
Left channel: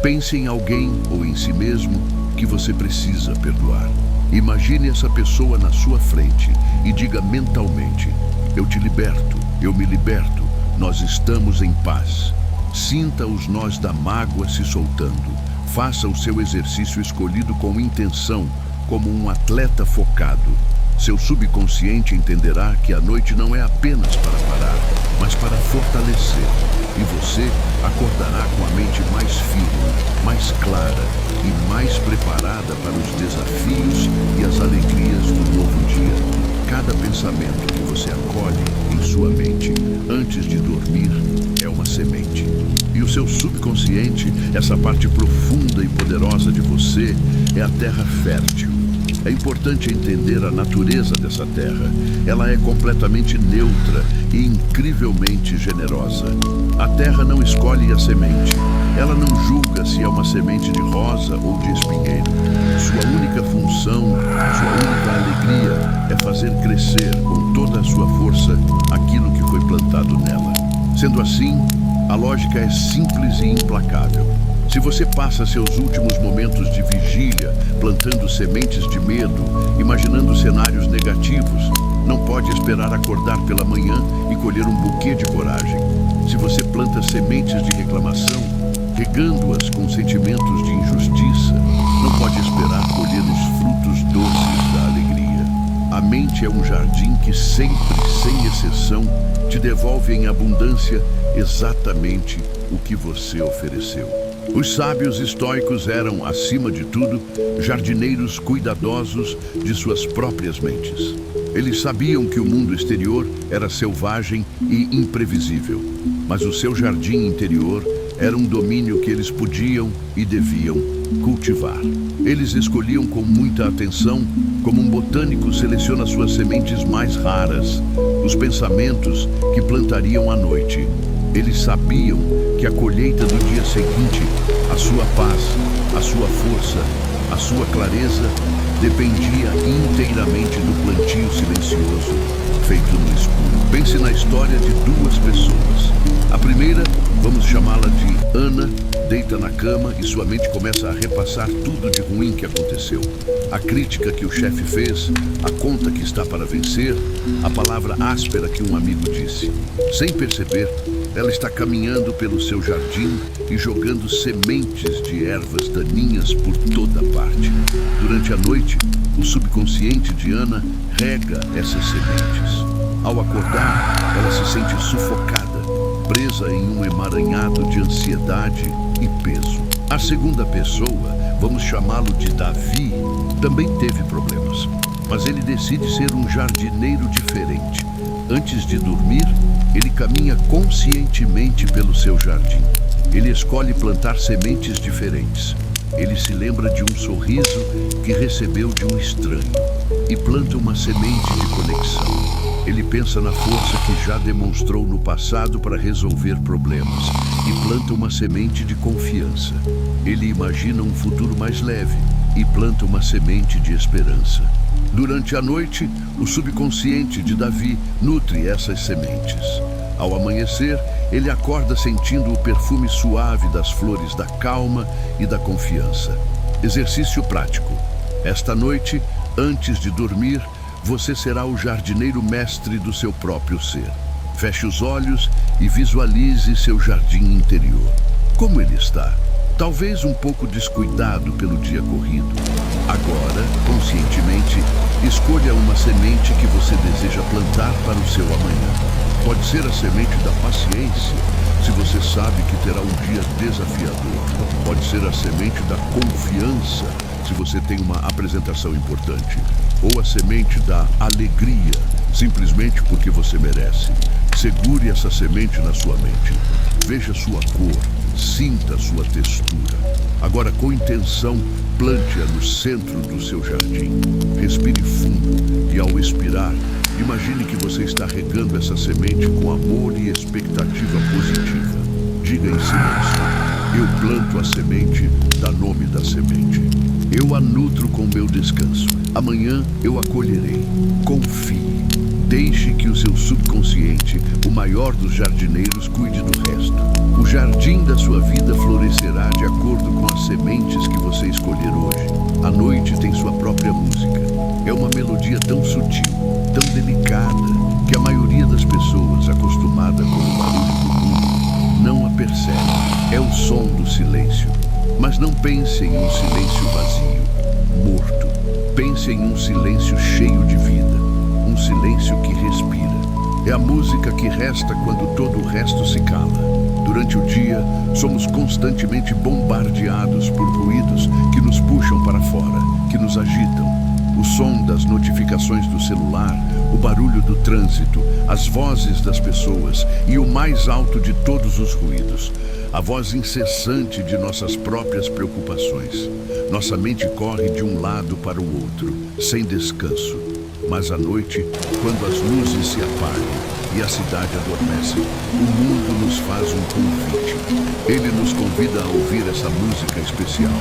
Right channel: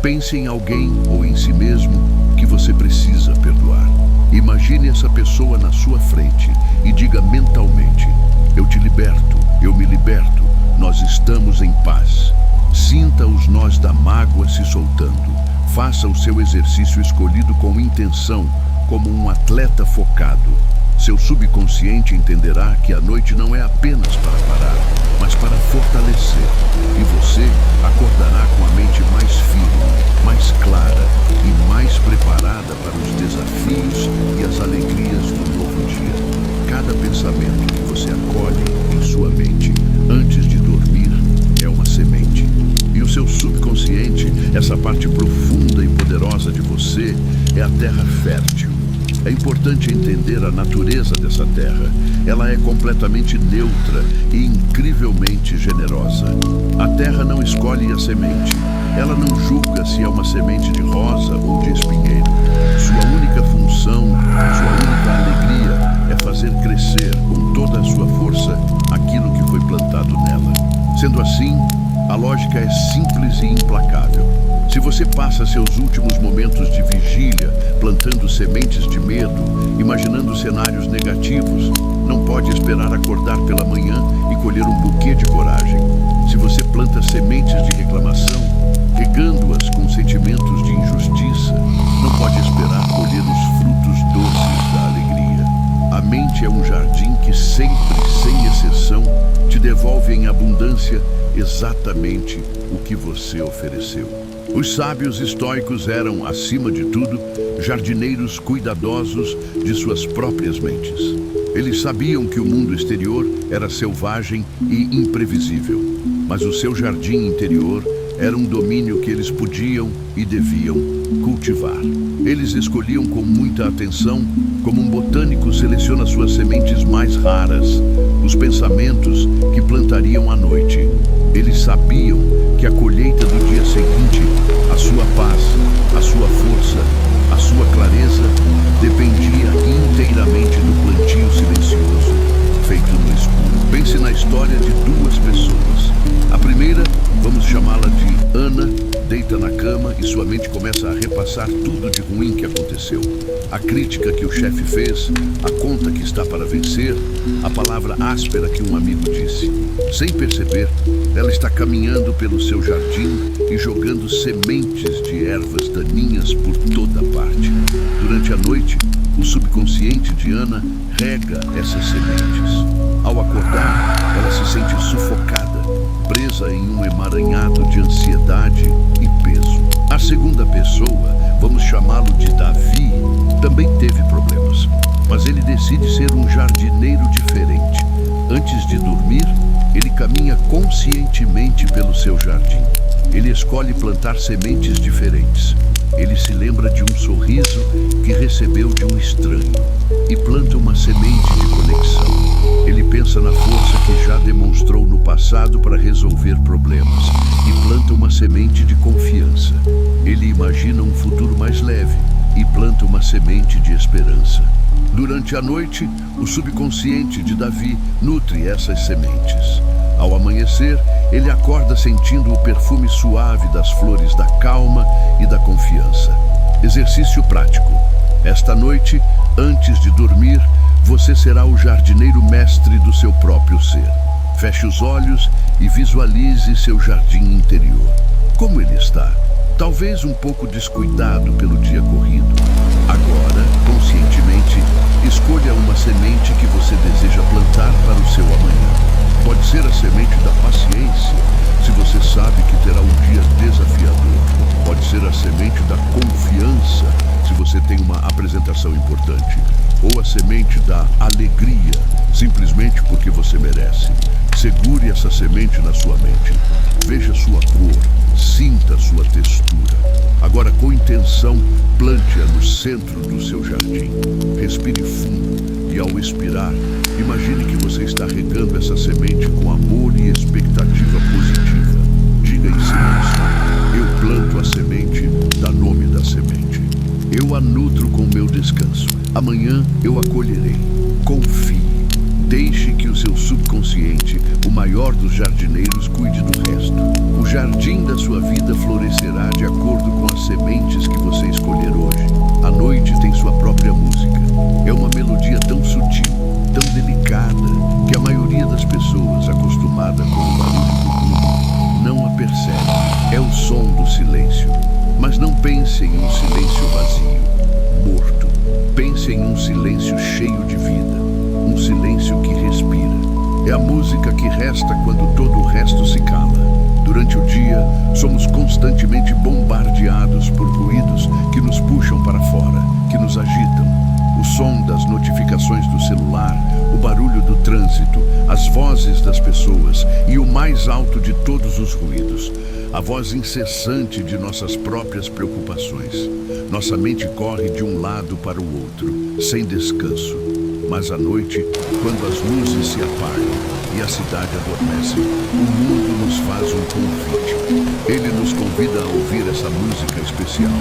Pense em alguém ou em si mesmo que você precisa perdoar. Imagine essa pessoa na sua frente e diga mentalmente: eu te liberto, eu me liberto, nós estamos em paz. Sinta os nós da mágoa se soltando. Faça o seu exercício escolhido com intenção, como um atleta focado. Seu subconsciente entenderá que a noite não é apenas para parar, mas para fortalecer. E você acordará com a mente mais firme, mais clara e mais preparada para os desafios e as alegrias do novo dia. Cada pensamento que você acolhe em sua mente antes de dormir é uma semente. E o seu subconsciente, essa parte profunda e poderosa de você, é a terra fértil. É importante entender a natureza dessa terra. Ela é completamente neutra e incrivelmente generosa. A terra não escolhe a semente. Ela não julga se é uma semente de rosa ou de espinheiro. Sua única função, sua única alegria é fazer crescer com toda a sua força aquilo que foi plantado nela. Sendo assim, a lógica é simples e implacável. Se você passa seus últimos momentos de vigília plantando sementes de medo, imaginando cenários negativos, não pode esperar acordar pela manhã e colher um buquê de coragem. Se você planta sementes de reclamação, regando-as com sentimentos de injustiça, não pode esperar colher os frutos doces da alegria. A mente é um jardim que sempre, sem exceção, te devolve em abundância exatamente o que você ofereceu. Os sábios estoicos eram, acima de tudo, jardineiros cuidadosos de suas próprias mentes. Eles sabiam que o mundo exterior era selvagem e imprevisível, mas o seu jardim interior era um domínio que eles podiam e deviam cultivar. Eles escolhiam com muita atenção, como um botânico seleciona suas sementes mais raras, os pensamentos que plantariam à noite. Eles sabiam que a colheita do dia seguinte, a sua paz, a sua força, a dependia inteiramente do plantio silencioso feito no escuro. Pense na história de duas pessoas. A primeira, vamos chamá-la de Ana, deita na cama e sua mente começa a repassar tudo de ruim que aconteceu. A crítica que o chefe fez, a conta que está para vencer, a palavra áspera que um amigo disse. Sem perceber, ela está caminhando pelo seu jardim e jogando sementes de ervas daninhas por toda parte. Durante a noite, o subconsciente de Ana rega essas sementes. Ao acordar, ela se sente sufocada, presa em um emaranhado de ansiedade e peso. A segunda pessoa, vamos chamá-lo de Davi, também teve problemas, mas ele decide ser um jardineiro diferente. Antes de dormir, ele caminha conscientemente pelo seu jardim. Ele escolhe plantar sementes diferentes. Ele se lembra de um sorriso que recebeu de um estranho e planta uma semente de conexão. Ele pensa na força que já demonstrou no passado para resolver problemas e planta uma semente de confiança. Ele imagina um futuro mais leve e planta uma semente de esperança. Durante a noite, o subconsciente de Davi nutre essas sementes. Ao amanhecer, ele acorda sentindo o perfume suave das flores da calma e da confiança. Exercício prático. Esta noite, antes de dormir, você será o jardineiro mestre do seu próprio ser. Feche os olhos e visualize seu jardim interior. Como ele está? Talvez um pouco descuidado pelo dia corrido. Agora, conscientemente, escolha uma semente que você deseja plantar para o seu amanhã. Pode ser a semente da paciência, se você sabe que terá um dia desafiador. Pode ser a semente da confiança, se você tem uma apresentação importante. Ou a semente da alegria, simplesmente porque você merece. Segure essa semente na sua mente. Veja sua cor, sinta sua textura. Agora, com intenção, plante-a no centro do seu jardim. Respire fundo e, ao expirar, imagine que você está regando essa semente com amor e expectativa positiva. Diga em silêncio: eu planto a semente, dá nome da semente. Eu a nutro com meu descanso. Amanhã eu a colherei. Confie. Deixe que o seu subconsciente, o maior dos jardineiros, cuide do resto. O jardim da sua vida florescerá de acordo com as sementes que você escolher hoje. A noite tem sua própria música. É uma melodia tão sutil, tão delicada, que a maioria das pessoas, acostumada com o barulho do mundo, não a percebe. É o som do silêncio. Mas não pense em um silêncio vazio, morto. Pense em um silêncio cheio de vida. Um silêncio que respira. É a música que resta quando todo o resto se cala. Durante o dia, somos constantemente bombardeados por ruídos que nos puxam para fora, que nos agitam. O som das notificações do celular, o barulho do trânsito, as vozes das pessoas e o mais alto de todos os ruídos, a voz incessante de nossas próprias preocupações. Nossa mente corre de um lado para o outro, sem descanso. Mas à noite, quando as luzes se apagam e a cidade adormece, o mundo nos faz um convite. Ele nos convida a ouvir essa música especial.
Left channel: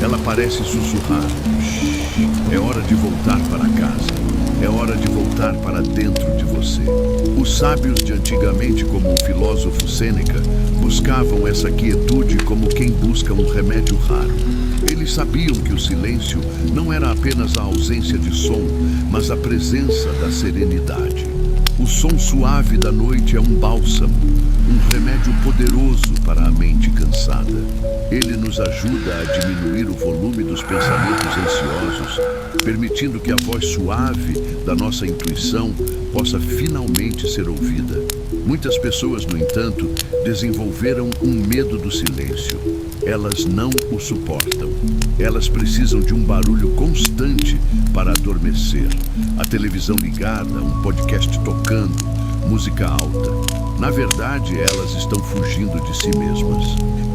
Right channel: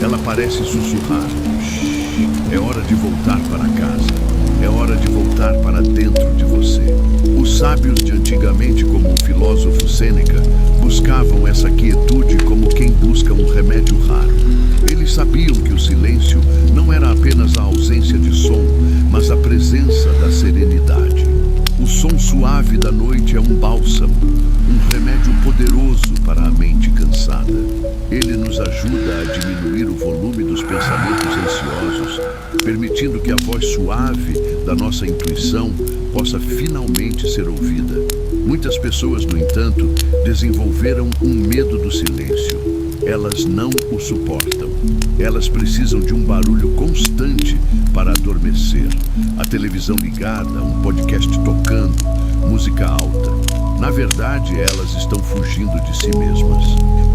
Ela parece sussurrar: "Shhh, é hora de voltar para casa. É hora de voltar para dentro de você." Os sábios de antigamente, como o filósofo Sêneca, buscavam essa quietude como quem busca um remédio raro. Eles sabiam que o silêncio não era apenas a ausência de som, mas a presença da serenidade. O som suave da noite é um bálsamo, um remédio poderoso para a mente cansada. Ele nos ajuda a diminuir o volume dos pensamentos ansiosos, permitindo que a voz suave da nossa intuição possa finalmente ser ouvida. Muitas pessoas, no entanto, desenvolveram um medo do silêncio. Elas não o suportam. Elas precisam de um barulho constante para adormecer. A televisão ligada, um podcast tocando, música alta. Na verdade, elas estão fugindo de si mesmas.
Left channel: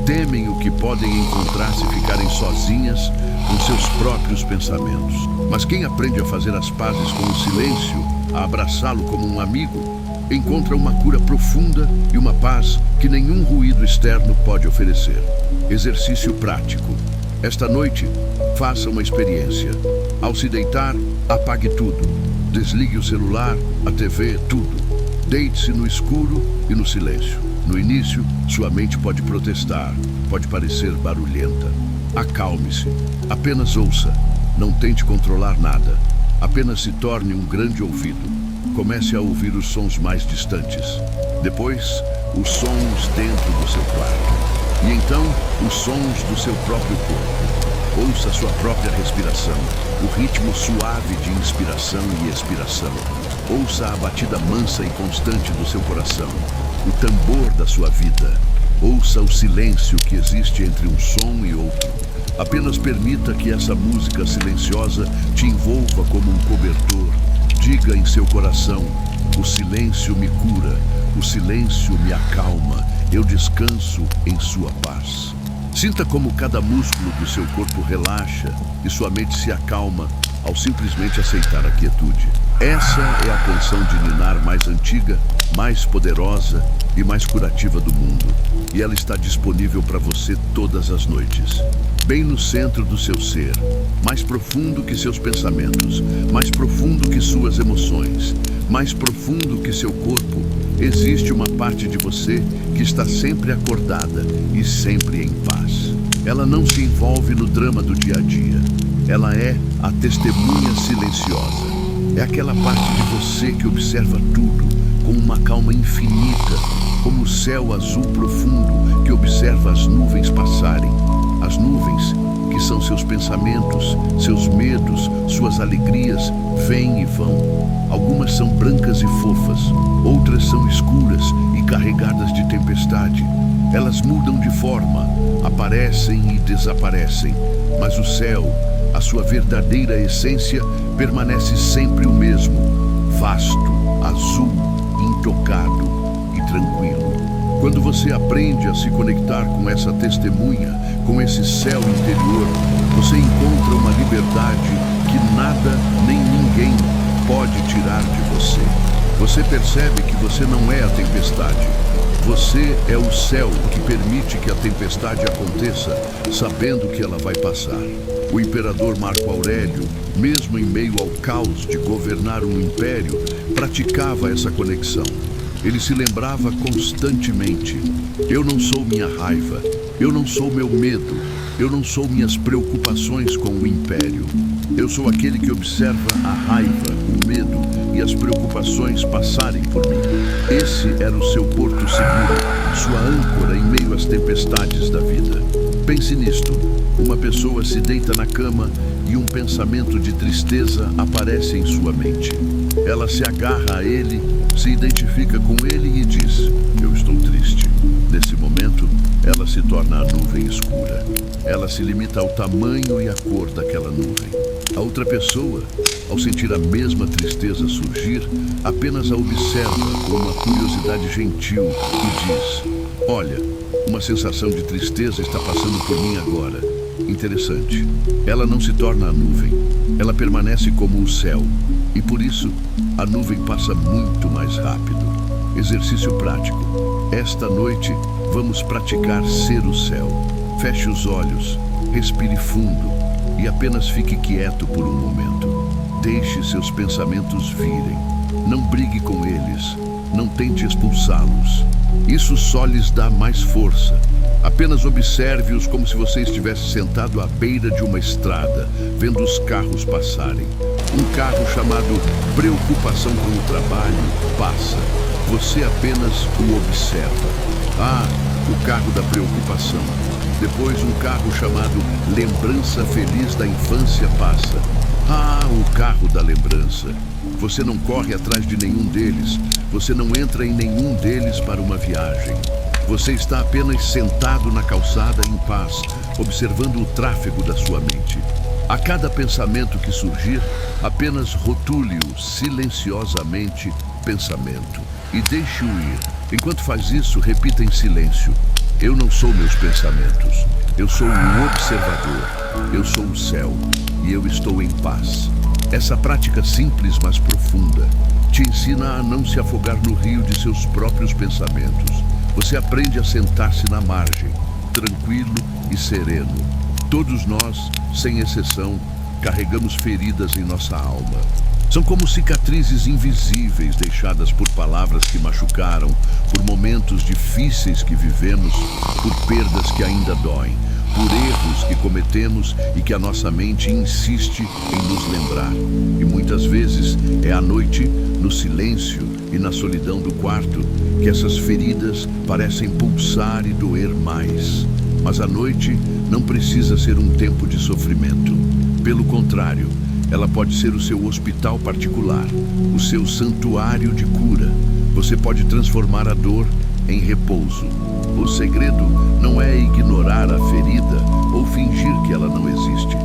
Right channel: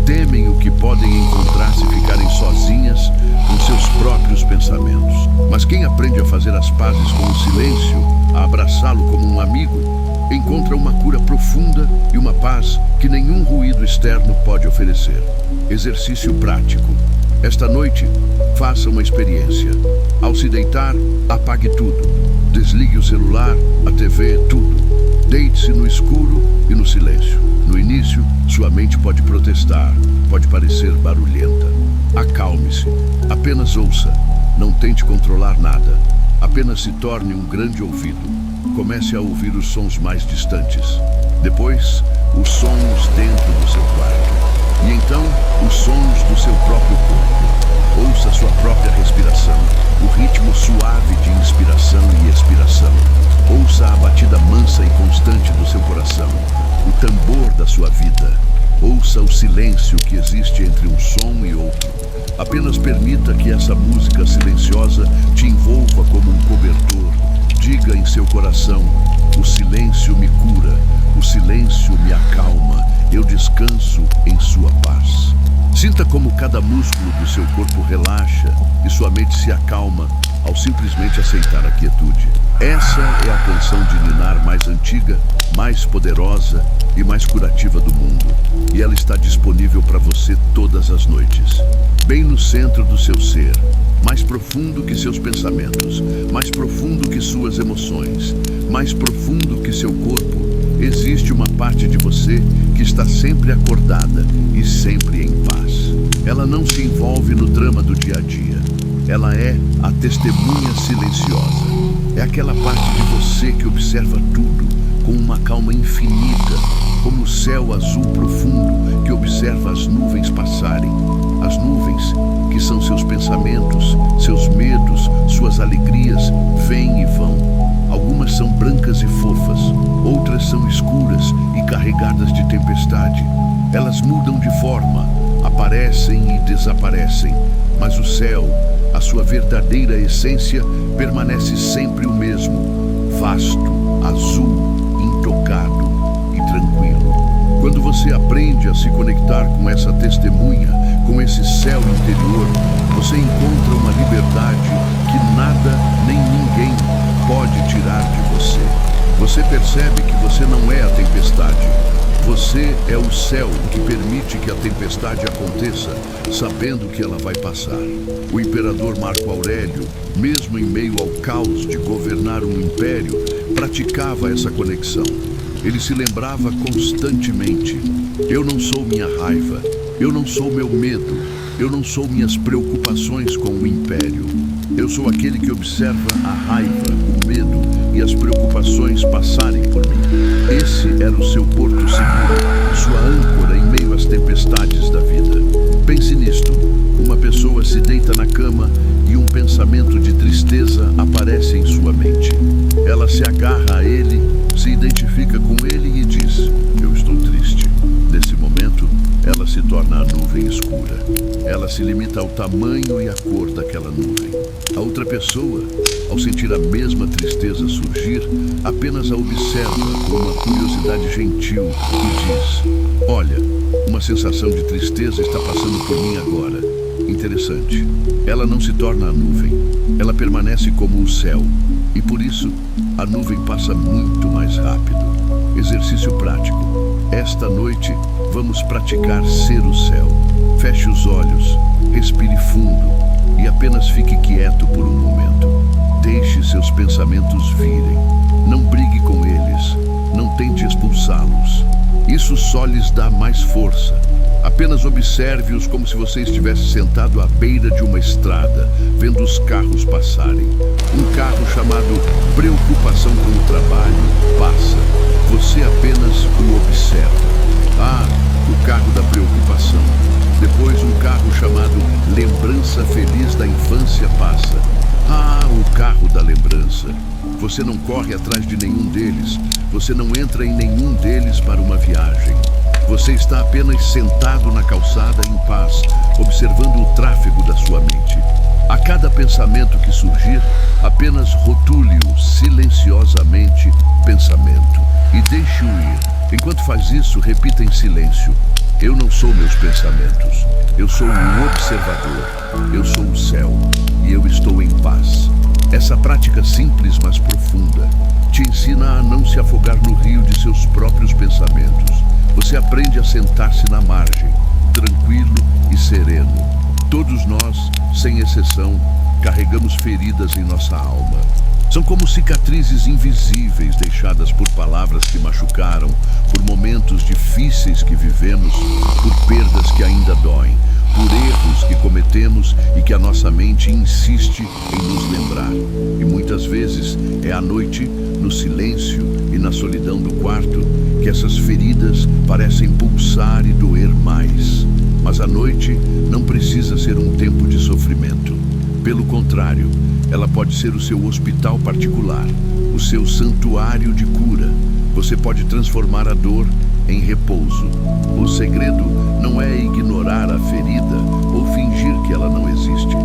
Temem o que podem encontrar se ficarem sozinhas com seus próprios pensamentos. Mas quem aprende a fazer as pazes com o silêncio, a abraçá-lo como um amigo, encontra uma cura profunda e uma paz que nenhum ruído externo pode oferecer. Exercício prático. Esta noite, faça uma experiência. Ao se deitar, apague tudo. Desligue o celular, a TV, tudo. Deite-se no escuro e no silêncio. No início, sua mente pode protestar, pode parecer barulhenta. Acalme-se. Apenas ouça. Não tente controlar nada. Apenas se torne um grande ouvido. Comece a ouvir os sons mais distantes. Depois, os sons dentro do seu quarto. E então, os sons do seu próprio corpo. Ouça sua própria respiração, o ritmo suave de inspiração e expiração. Ouça a batida mansa e constante do seu coração, o tambor da sua vida. Ouça o silêncio que existe entre um som e outro. Apenas permita que essa música silenciosa te envolva como um cobertor. Diga em seu coração: o silêncio me cura, o silêncio me acalma, eu descanso em sua paz. Sinta como cada músculo do seu corpo relaxa e sua mente se acalma ao simplesmente aceitar a quietude. Essa é a canção de ninar mais antiga, mais poderosa e mais curativa do mundo. E ela está disponível para você todas as noites. Bem no centro do seu ser, mais profundo que seus pensamentos, mais profundo que suas emoções, mais profundo que seu corpo, existe uma parte de você que está sempre acordada e sempre em paz. Ela não se envolve no drama do dia a dia. Ela é a testemunha silenciosa. É aquela parte de você que observa tudo com uma calma infinita, como o céu azul profundo que observa as nuvens passarem. As nuvens, que são seus pensamentos, seus medos, suas alegrias, vêm e vão. Algumas são brancas e fofas, outras são escuras e carregadas de tempestade. Elas mudam de forma, aparecem e desaparecem, mas o céu, a sua verdadeira essência, permanece sempre o mesmo, vasto, azul, intocado e tranquilo. Quando você aprende a se conectar com essa testemunha, com esse céu interior, você encontra uma liberdade que nada nem ninguém pode tirar de você. Você percebe que você não é a tempestade. Você é o céu que permite que a tempestade aconteça, sabendo que ela vai passar. O imperador Marco Aurélio, mesmo em meio ao caos de governar um império, praticava essa conexão. Ele se lembrava constantemente: eu não sou minha raiva, eu não sou meu medo, eu não sou minhas preocupações com o império. Eu sou aquele que observa a raiva, o medo e as preocupações passarem por mim. Esse era o seu porto seguro, sua âncora em meio às tempestades da vida. Pense nisto: uma pessoa se deita na cama e um pensamento de tristeza aparece em sua mente. Ela se agarra a ele, se identifica com ele e diz: eu estou triste. Nesse momento, ela se torna a nuvem escura. Ela se limita ao tamanho e à cor daquela nuvem. A outra pessoa, ao sentir a mesma tristeza surgir, apenas a observa com uma curiosidade gentil e diz: olha, uma sensação de tristeza está passando por mim agora. Interessante. Ela não se torna a nuvem. Ela permanece como o céu. E por isso, a nuvem passa muito mais rápido. Exercício prático. Esta noite, vamos praticar ser o céu. Feche os olhos, respire fundo e apenas fique quieto por um momento. Deixe seus pensamentos virem. Não brigue com eles. Não tente expulsá-los. Isso só lhes dá mais força. Apenas observe-os como se você estivesse sentado à beira de uma estrada, vendo os carros passarem. Um carro chamado preocupação com o trabalho passa. Você apenas o observa. Ah, o carro da preocupação. Depois um carro chamado lembrança feliz da infância passa. Ah, o carro da lembrança. Você não corre atrás de nenhum deles. Você não entra em nenhum deles para uma viagem. Você está apenas sentado na calçada em paz, observando o tráfego da sua mente. A cada pensamento que surgir, apenas rotule-o silenciosamente pensamento e deixe-o ir. Enquanto faz isso, repita em silêncio: eu não sou meus pensamentos, eu sou o observador, eu sou o céu e eu estou em paz. Essa prática simples, mas profunda, te ensina a não se afogar no rio de seus próprios pensamentos. Você aprende a sentar-se na margem, tranquilo e sereno. Todos nós, sem exceção, carregamos feridas em nossa alma. São como cicatrizes invisíveis deixadas por palavras que machucaram, por momentos difíceis que vivemos, por perdas que ainda doem, por erros que cometemos e que a nossa mente insiste em nos lembrar. E muitas vezes é à noite, no silêncio e na solidão do quarto, que essas feridas parecem pulsar e doer mais. Mas a noite não precisa ser um tempo de sofrimento. Pelo contrário, ela pode ser o seu hospital particular, o seu santuário de cura. Você pode transformar a dor em repouso. O segredo não é ignorar a ferida ou fingir que ela não existe.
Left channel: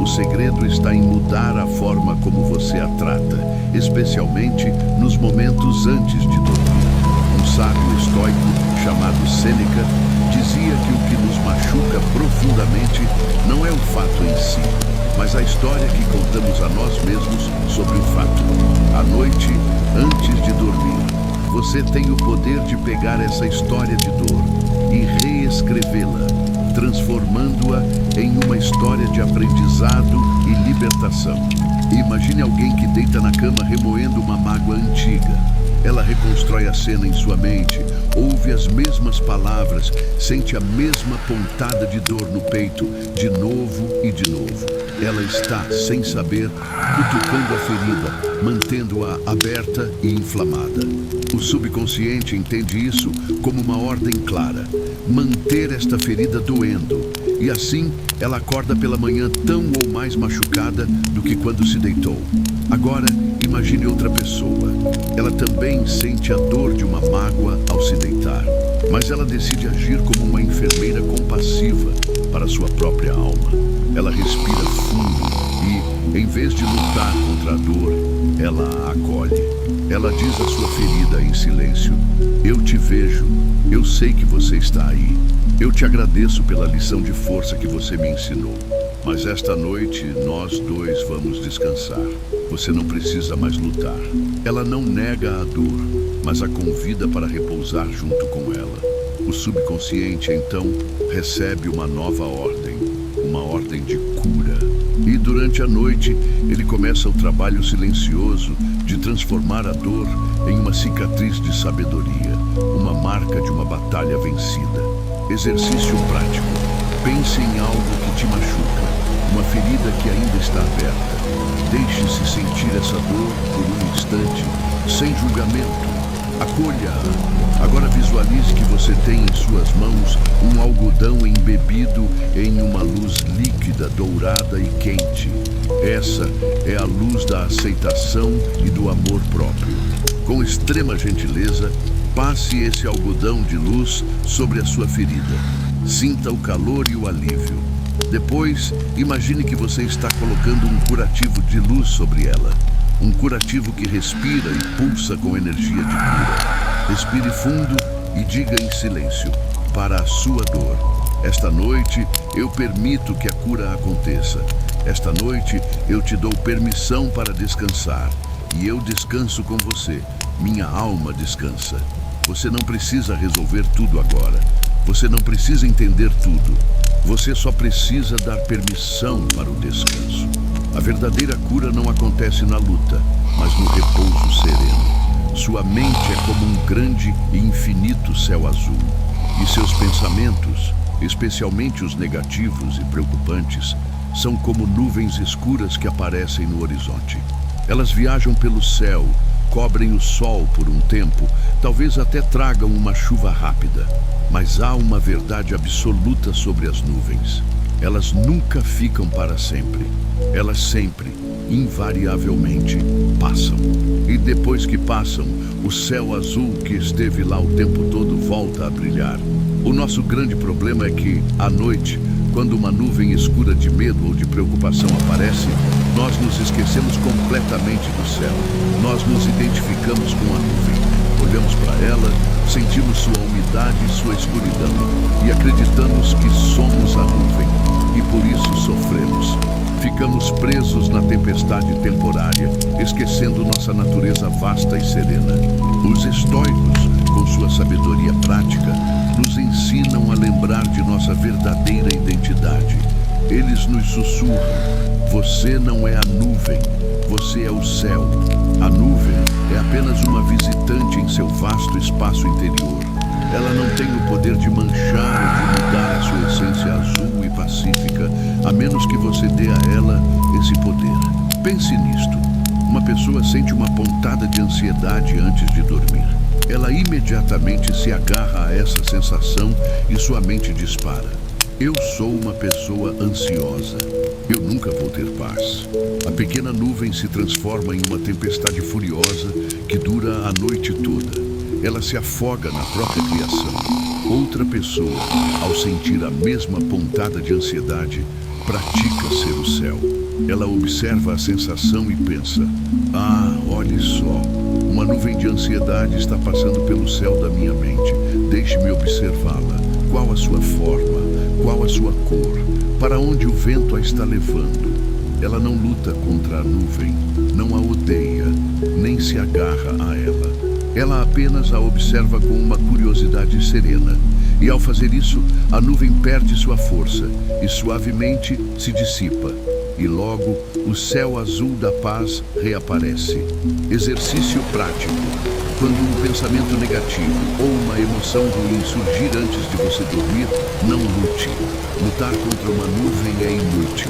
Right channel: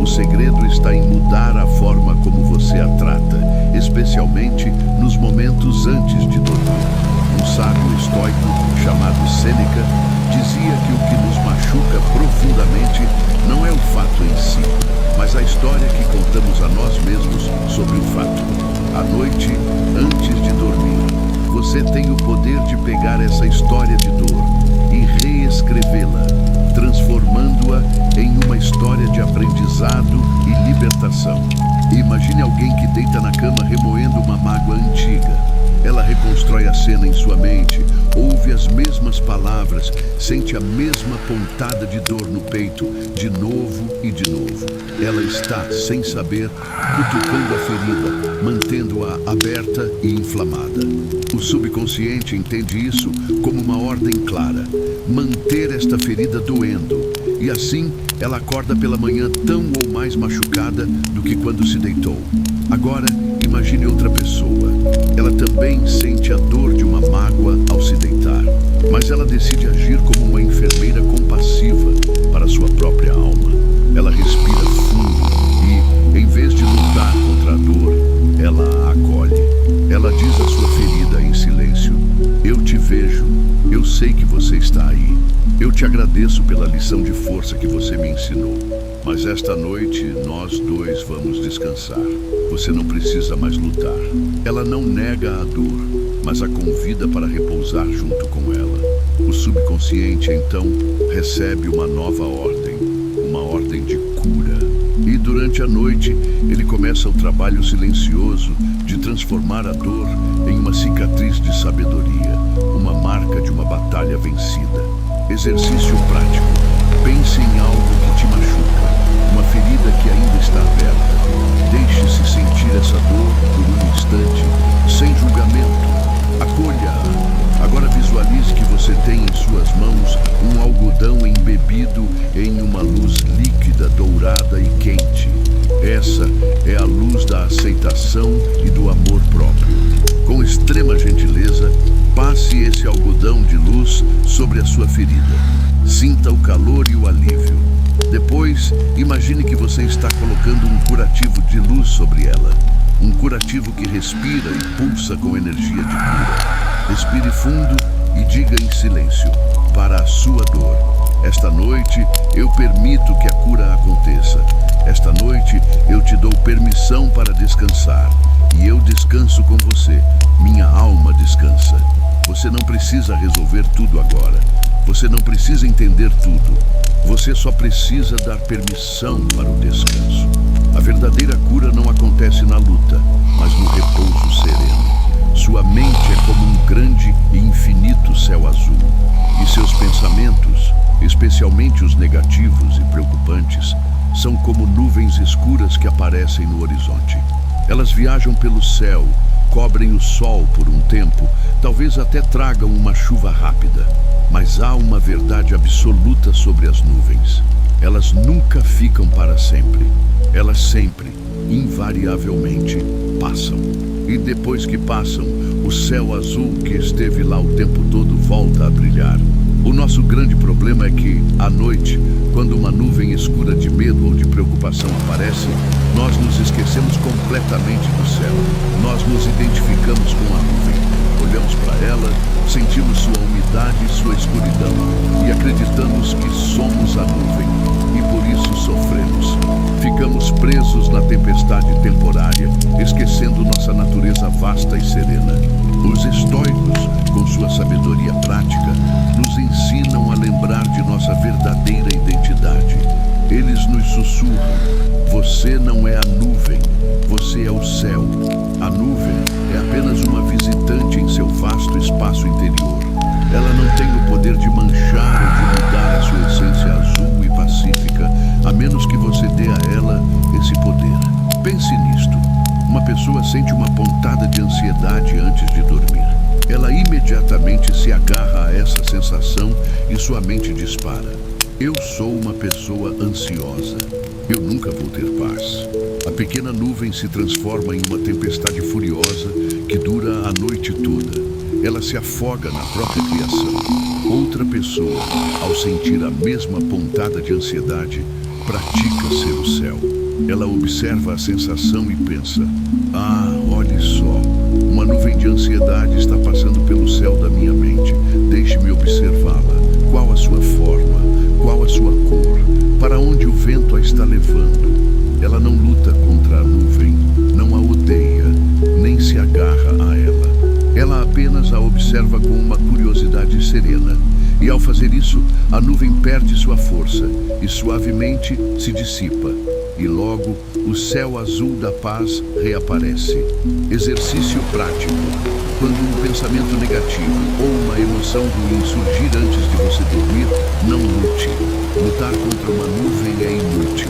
O segredo está em mudar a forma como você a trata, especialmente nos momentos antes de dormir. Um sábio estoico chamado Sêneca dizia que o que nos machuca profundamente não é o fato em si, mas a história que contamos a nós mesmos sobre o fato. À noite, antes de dormir, você tem o poder de pegar essa história de dor e reescrevê-la, transformando-a em uma história de aprendizado e libertação. Imagine alguém que deita na cama remoendo uma mágoa antiga. Ela reconstrói a cena em sua mente, ouve as mesmas palavras, sente a mesma pontada de dor no peito, de novo e de novo. Ela está, sem saber, cutucando a ferida, mantendo-a aberta e inflamada. O subconsciente entende isso como uma ordem clara: manter esta ferida doendo. E assim, ela acorda pela manhã tão ou mais machucada do que quando se deitou. Agora, imagine outra pessoa. Ela também sente a dor de uma mágoa ao se deitar, mas ela decide agir como uma enfermeira compassiva para sua própria alma. Ela respira fundo e, em vez de lutar contra a dor, ela a acolhe. Ela diz à sua ferida em silêncio: eu te vejo, eu sei que você está aí. Eu te agradeço pela lição de força que você me ensinou. Mas esta noite, nós dois vamos descansar. Você não precisa mais lutar. Ela não nega a dor, mas a convida para repousar junto com ela. O subconsciente, então, recebe uma nova ordem, uma ordem de cura. E durante a noite, ele começa o trabalho silencioso de transformar a dor em uma cicatriz de sabedoria, uma marca de uma batalha vencida. Exercício prático. Pense em algo que te machuca, uma ferida que ainda está aberta. Deixe-se sentir essa dor por um instante, sem julgamento. Acolha-a. Agora visualize que você tem em suas mãos um algodão embebido em uma luz líquida, dourada e quente. Essa é a luz da aceitação e do amor próprio. Com extrema gentileza, passe esse algodão de luz sobre a sua ferida. Sinta o calor e o alívio. Depois, imagine que você está colocando um curativo de luz sobre ela. Um curativo que respira e pulsa com energia de cura. Respire fundo e diga em silêncio: para a sua dor, esta noite eu permito que a cura aconteça. Esta noite eu te dou permissão para descansar. E eu descanso com você. Minha alma descansa. Você não precisa resolver tudo agora. Você não precisa entender tudo. Você só precisa dar permissão para o descanso. A verdadeira cura não acontece na luta, mas no repouso sereno. Sua mente é como um grande e infinito céu azul. E seus pensamentos, especialmente os negativos e preocupantes, são como nuvens escuras que aparecem no horizonte. Elas viajam pelo céu, cobrem o sol por um tempo, talvez até tragam uma chuva rápida. Mas há uma verdade absoluta sobre as nuvens. Elas nunca ficam para sempre. Elas sempre, invariavelmente, passam. E depois que passam, o céu azul que esteve lá o tempo todo volta a brilhar. O nosso grande problema é que, à noite, quando uma nuvem escura de medo ou de preocupação aparece, nós nos esquecemos completamente do céu. Nós nos identificamos com a nuvem. Olhamos para ela, sentimos sua umidade e sua escuridão e acreditamos que somos a nuvem e por isso sofremos. Ficamos presos na tempestade temporária, esquecendo nossa natureza vasta e serena. Os estoicos, com sua sabedoria prática, nos ensinam a lembrar de nossa verdadeira identidade. Eles nos sussurram: você não é a nuvem, você é o céu. A nuvem é apenas uma visitante em seu vasto espaço interior. Ela não tem o poder de manchar ou de mudar a sua essência azul e pacífica, a menos que você dê a ela esse poder. Pense nisto. Uma pessoa sente uma pontada de ansiedade antes de dormir. Ela imediatamente se agarra a essa sensação e sua mente dispara: eu sou uma pessoa ansiosa. Eu nunca vou ter paz. A pequena nuvem se transforma em uma tempestade furiosa que dura a noite toda. Ela se afoga na própria criação. Outra pessoa, ao sentir a mesma pontada de ansiedade, pratica ser o céu. Ela observa a sensação e pensa: ah, olhe só, uma nuvem de ansiedade está passando pelo céu da minha mente. Deixe-me observá-la. Qual a sua forma? Qual a sua cor? Para onde o vento a está levando? Ela não luta contra a nuvem, não a odeia, nem se agarra a ela. Ela apenas a observa com uma curiosidade serena. E ao fazer isso, a nuvem perde sua força e suavemente se dissipa. E logo, o céu azul da paz reaparece. Exercício prático. Quando um pensamento negativo ou uma emoção ruim surgir antes de você dormir, não lute. Lutar contra uma nuvem é inútil.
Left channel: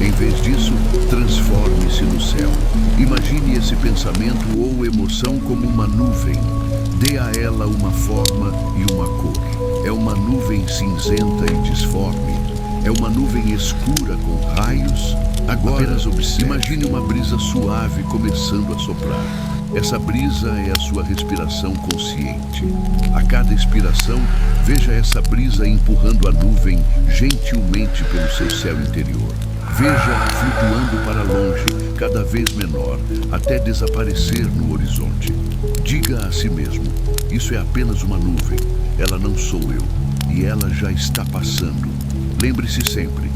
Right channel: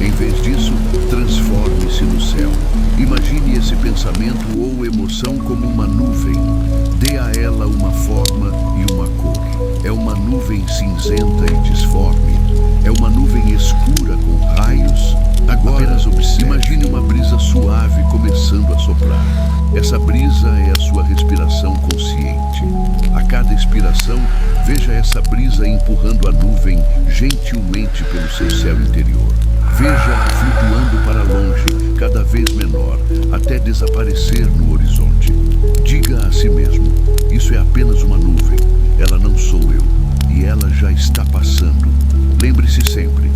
Em vez disso, transforme-se no céu. Imagine esse pensamento ou emoção como uma nuvem. Dê a ela uma forma e uma cor. É uma nuvem cinzenta e disforme. É uma nuvem escura com raios. Agora, imagine uma brisa suave começando a soprar. Essa brisa é a sua respiração consciente. A cada expiração, veja essa brisa empurrando a nuvem gentilmente pelo seu céu interior. Veja-a flutuando para longe, cada vez menor, até desaparecer no horizonte. Diga a si mesmo: isso é apenas uma nuvem, ela não sou eu, e ela já está passando. Lembre-se sempre:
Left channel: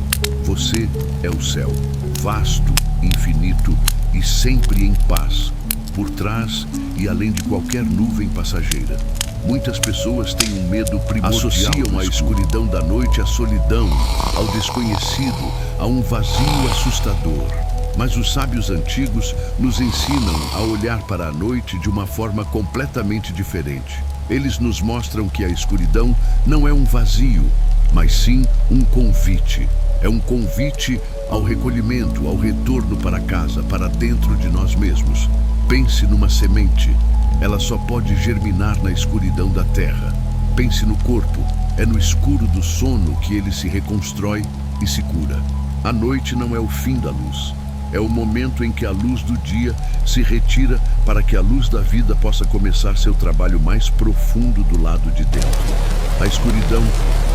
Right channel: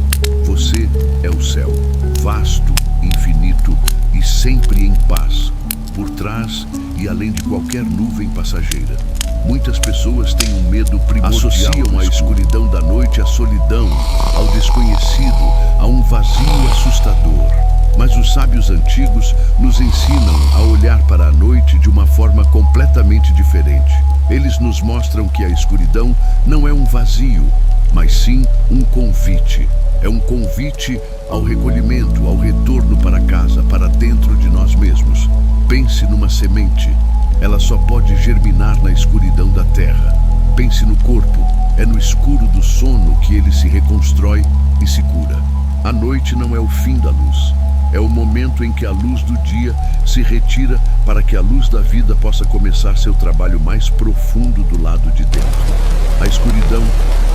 você é o céu, vasto, infinito e sempre em paz, por trás e além de qualquer nuvem passageira. Muitas pessoas têm um medo primordial. Associam a escuridão da noite à solidão, ao desconhecido, a um vazio assustador. Mas os sábios antigos nos ensinam a olhar para a noite de uma forma completamente diferente. Eles nos mostram que a escuridão não é um vazio, mas sim um convite. É um convite ao recolhimento, ao retorno para casa, para dentro de nós mesmos. Pense numa semente. Ela só pode germinar na escuridão da terra. Pense no corpo. É no escuro do sono que ele se reconstrói e se cura. A noite não é o fim da luz. É o momento em que a luz do dia se retira para que a luz da vida possa começar seu trabalho mais profundo do lado de dentro. A escuridão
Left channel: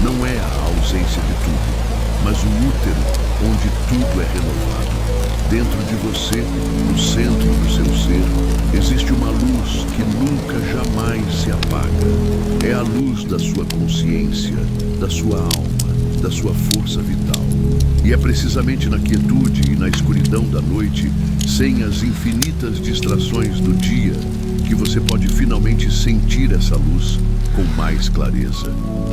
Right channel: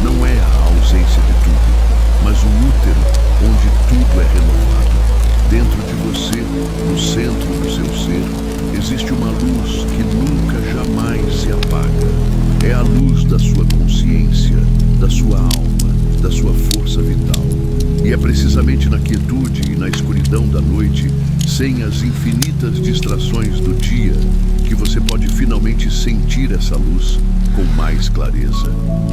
não é a ausência de tudo, mas o útero onde tudo é renovado. Dentro de você, no centro do seu ser, existe uma luz que nunca jamais se apaga. É a luz da sua consciência, da sua alma, da sua força vital. E é precisamente na quietude e na escuridão da noite, sem as infinitas distrações do dia, que você pode finalmente sentir essa luz com mais clareza.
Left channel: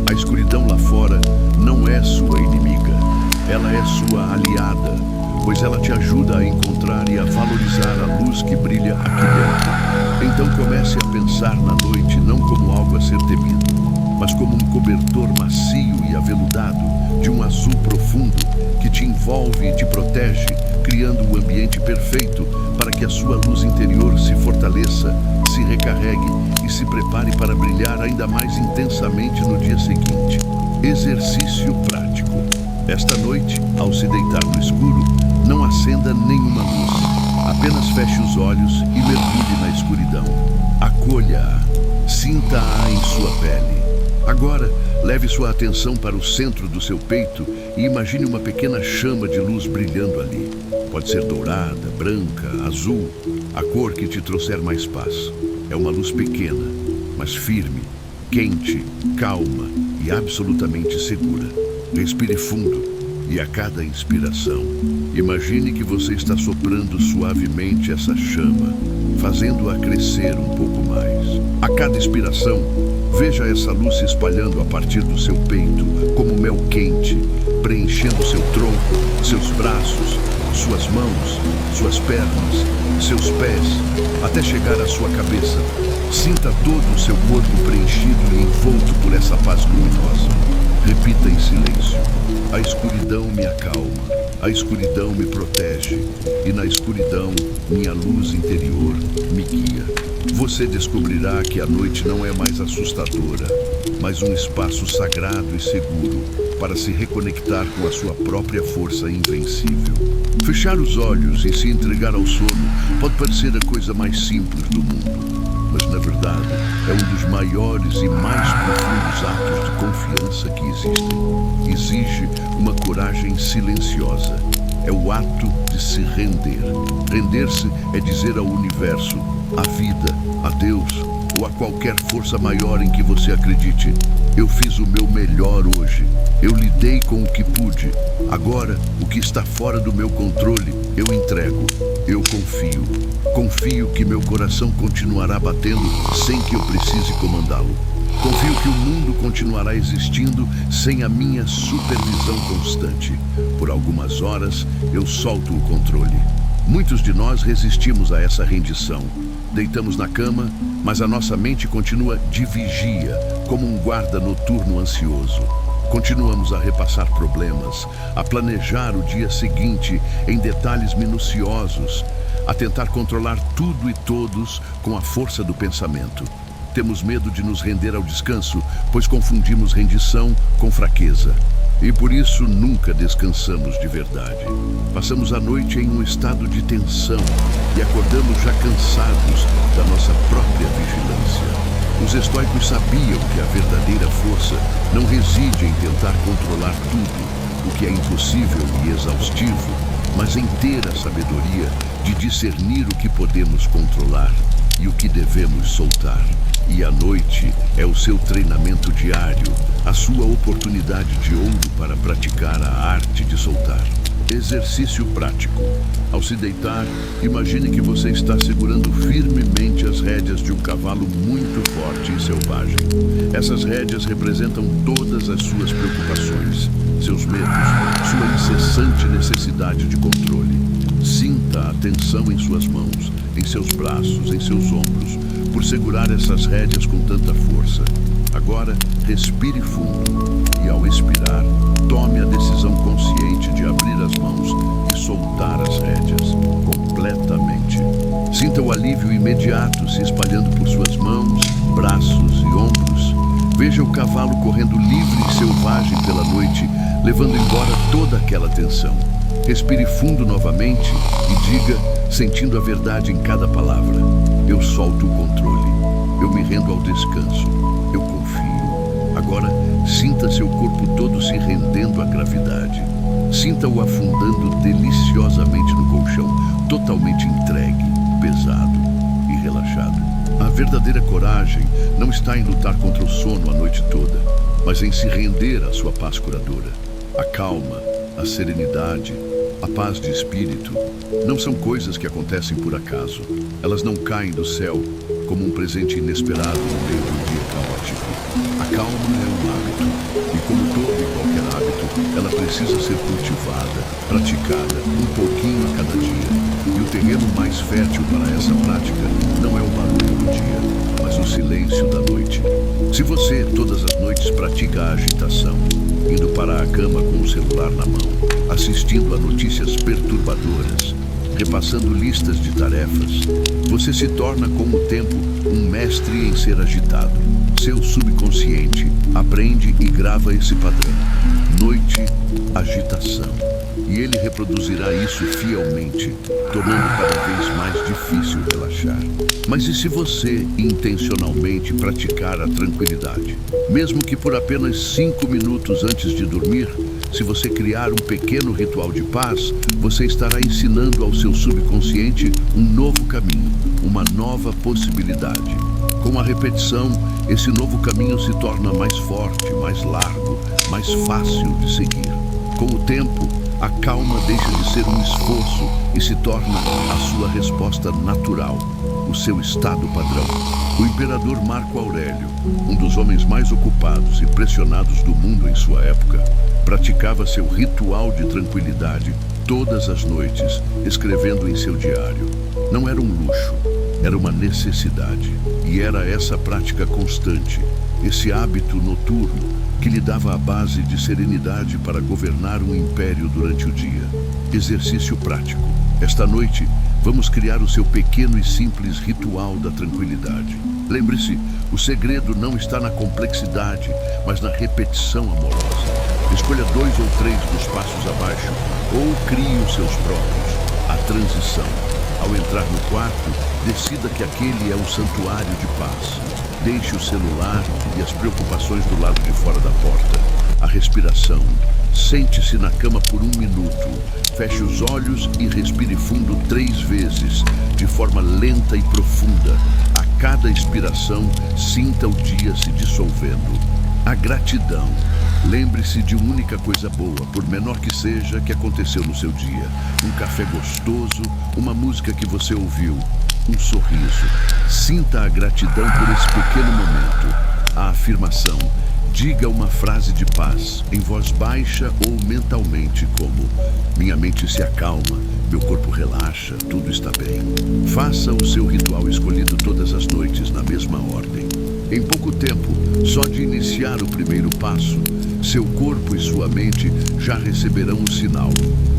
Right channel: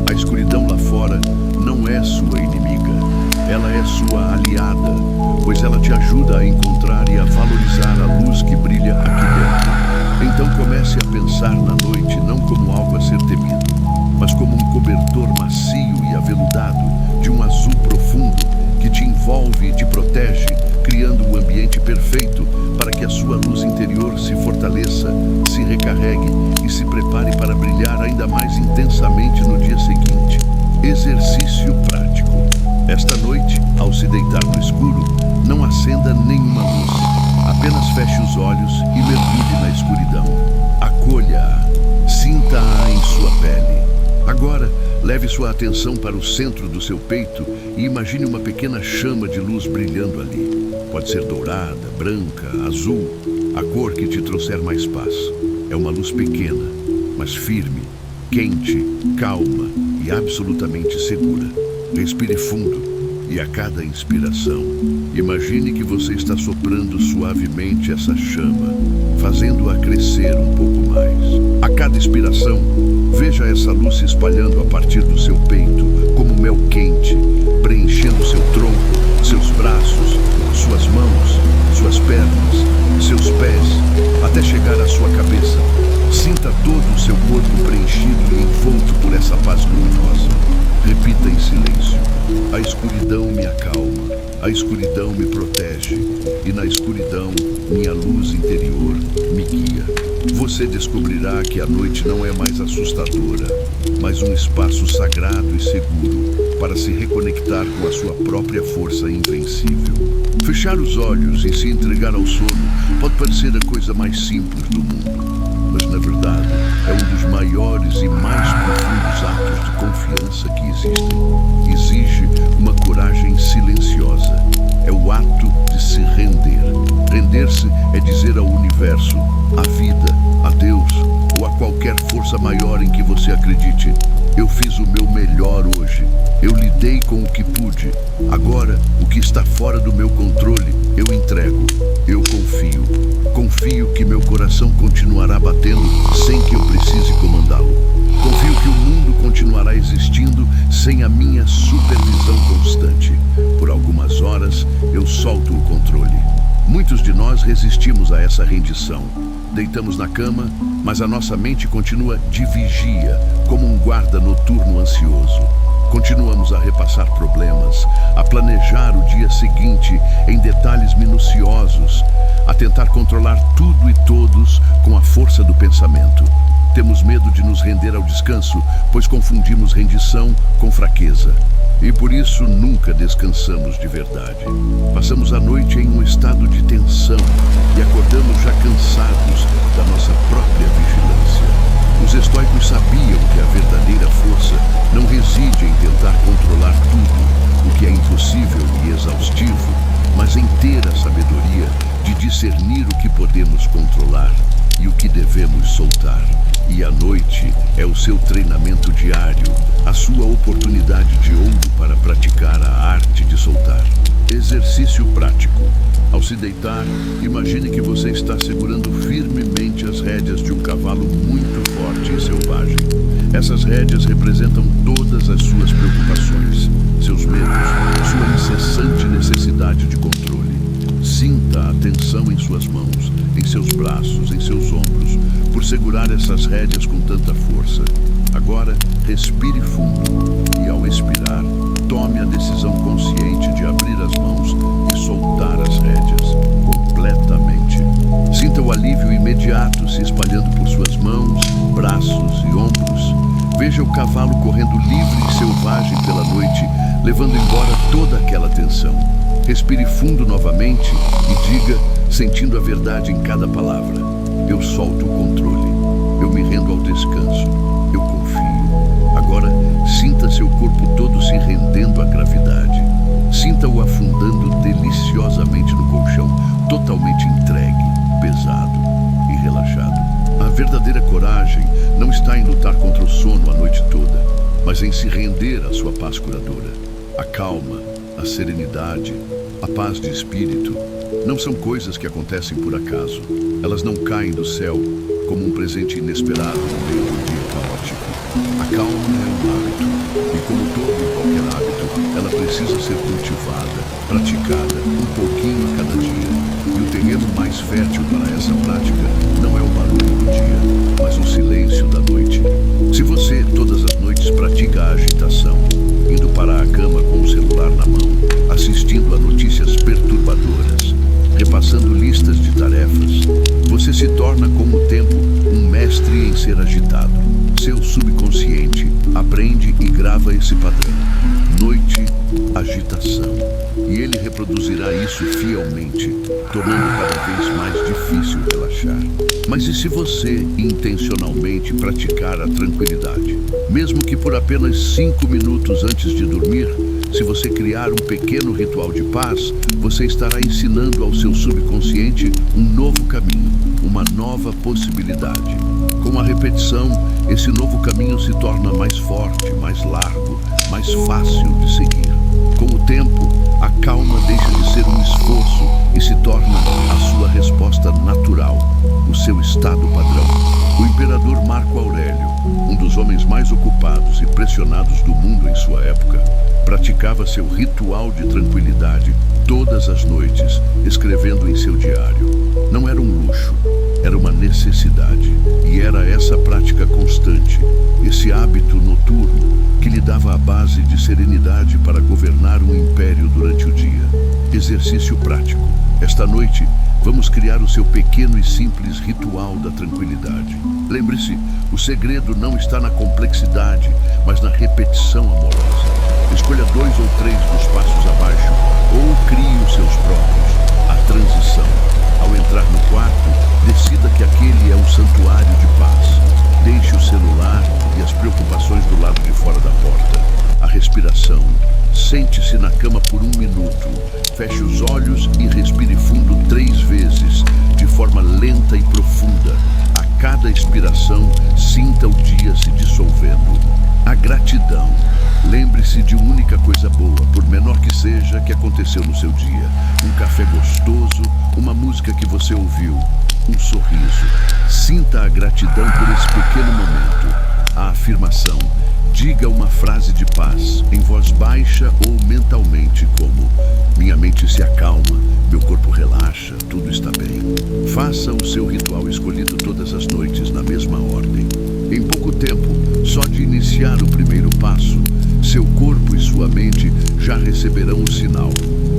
A escuridão lá fora não é sua inimiga, ela é sua aliada, pois ela te ajuda a encontrar e a valorizar a luz que brilha aqui dentro. Então comece a pensar na noite não como algo a ser temido, mas como um cobertor macio e aveludado de um azul profundo que te envolve e te protege, criando o ambiente perfeito para que a sua luz interior se fortaleça, se recarregue e se prepare para brilhar ainda mais intensamente no dia seguinte. Exercício prático. Esta noite, ao se deitar no escuro, não acenda nenhuma luz. Apenas feche os olhos e mergulhe na escuridão. Acolha-a, sinta-a em sua pele. Agora, leve sua atenção para o centro do seu peito e imagine uma pequena chama de luz brilhando ali. Pode ser dourada, branca, azul, a cor que te trouxer mais paz. É uma luz pequena, mas firme, quente, calma e absolutamente segura. Respire fundo e a cada inspiração, imagine que você está soprando suavemente essa chama, fazendo-a crescer um pouco mais. A cada expiração, veja essa luz se espalhando a partir do seu peito, como mel quente, preenchendo seu tronco, seus braços, suas mãos, suas pernas, seus pés, até chegar à sua cabeça. Sinta todo o seu corpo preenchido e envolto por essa paz luminosa. Repita em silêncio: a escuridão me acalma, a escuridão me protege, e na escuridão minha luz interior me guia. Você descobrirá que a noite não é mais assustadora, mas um espaço sagrado e seguro para se reconectar com a sua própria força invencível. Fechar os olhos e se entregar ao sono pode parecer a coisa mais simples do mundo, mas na verdade é um dos maiores e mais profundos atos de confiança que existem. Exige uma coragem silenciosa. É o ato de se render. Render-se é dizer ao universo, à vida, a Deus ou a qualquer força maior em que você acredite: eu fiz o meu melhor hoje. Eu lidei com o que pude. Agora, o que está fora do meu controle, eu entrego. Eu confio. Confio que meu coração continuará batendo sem que eu precise comandá-lo. Confio que o mundo continuará existindo sem a minha supervisão constante. Por algumas horas, eu solto o controle. Muitos de nós resistimos a essa rendição. Deitamos na cama, mas a nossa mente continua de vigia, como um guarda noturno ansioso. Continuamos a repassar problemas, a planejar o dia seguinte em detalhes minuciosos, a tentar controlar tudo e todos com a força do pensamento. Temos medo de nos render ao descanso, pois confundimos rendição com fraqueza. E por isso nunca descansamos de verdade. Passamos a noite em um estado de tensão e acordamos já cansados da nossa própria vigilância. Os estoicos sabiam que a verdadeira força não reside em tentar controlar tudo, o que é impossível e exaustivo, mas em ter a sabedoria de discernir o que podemos controlar e o que devemos soltar. E a noite é o seu treinamento diário, a sua oportunidade de ouro para praticar a arte de soltar. Exercício prático. Ao se deitar, imagine que você está segurando firmemente as rédeas de um cavalo muito forte e selvagem. Essas rédeas representam todas as suas preocupações, seus medos, sua incessante necessidade de controle. Sinta a tensão em suas mãos, em seus braços, em seus ombros, por segurar essas rédeas com tanta força. Agora, respire fundo e, ao expirar, tome a decisão consciente de abrir as mãos e soltar as rédeas completamente. Sinta o alívio imediato se espalhando por suas mãos, braços e ombros. Veja o cavalo correndo livre e selvagem pela noite, levando embora toda aquela tensão. Respire fundo novamente e diga, sentindo a verdade em cada palavra: eu solto o controle, eu me rendo ao descanso, eu confio. Agora, sinta seu corpo todo se rendendo à gravidade. Sinta-o afundando deliciosamente no colchão, totalmente entregue, pesado e relaxado. A verdadeira coragem não está em lutar contra o sono a noite toda, mas em se render à sua paz curadora. A calma, a serenidade, a paz de espírito não são coisas que acontecem por acaso. Elas não caem do céu como um presente inesperado no meio de um dia caótico. A calma é um hábito, e como todo e qualquer hábito, ela precisa ser cultivada, praticada, um pouquinho a cada dia. E o terreno mais fértil para essa prática não é o barulho do dia, mas o silêncio da noite. Se você, todas as noites, pratica a agitação, indo para a cama com o celular na mão, assistindo a notícias perturbadoras, repassando listas de tarefas, você se torna, com o tempo, um mestre em ser agitado. Seu subconsciente aprende e grava esse padrão. Noite, agitação. E ele reproduzirá isso fielmente, tornando cada vez mais difícil relaxar. Mas e se você intencionalmente praticar a tranquilidade? Mesmo que por apenas 5 minutos antes de dormir, se você criar um pequeno ritual de paz, você estará ensinando ao seu subconsciente um novo caminho, uma nova possibilidade. Com a repetição, esse novo caminho se torna mais forte, mais largo, mais fácil de seguir. Com o tempo, a calma deixa de ser um esforço e se torna a sua resposta natural, o seu estado padrão. O imperador Marco Aurélio, um dos homens mais ocupados e pressionados do mundo em sua época, praticava seu ritual de tranquilidade todas as noites, escrevendo em seu diário. Não era um luxo, era uma necessidade. E era essa prática constante, esse hábito noturno, que lhe dava a base de serenidade para governar um império durante o dia. Exercício prático. Esta noite, vamos criar o seu pequeno e simples ritual da tranquilidade. Lembre-se, o segredo não está na complexidade, mas na repetição amorosa. Escolha 2 ou 3 dos passos abaixo, ou crie os seus próprios. A transição. Ao entrar no quarto, decida que aquele é um santuário de paz. Deixe o celular e as preocupações do lado de fora da porta. A respiração. Sente-se na cama por 1 minuto. Feche os olhos e respire fundo 3 vezes, de forma lenta e profunda. A cada expiração, sinta o dia se dissolvendo. A gratidão. Lembre-se de uma única coisa boa, por menor que seja, que aconteceu no seu dia. Um café gostoso, uma música que você ouviu, um sorriso. Sinta a gratidão por esse pequeno momento. A afirmação. Diga uma frase de paz, em voz baixa ou mentalmente, como: minha mente se acalma, meu corpo relaxa, tudo está bem. Faça o seu ritual escolhido todas as noites, na mesma ordem. Em pouco tempo, só de iniciar o primeiro passo, seu corpo e sua mente já receberão o sinal,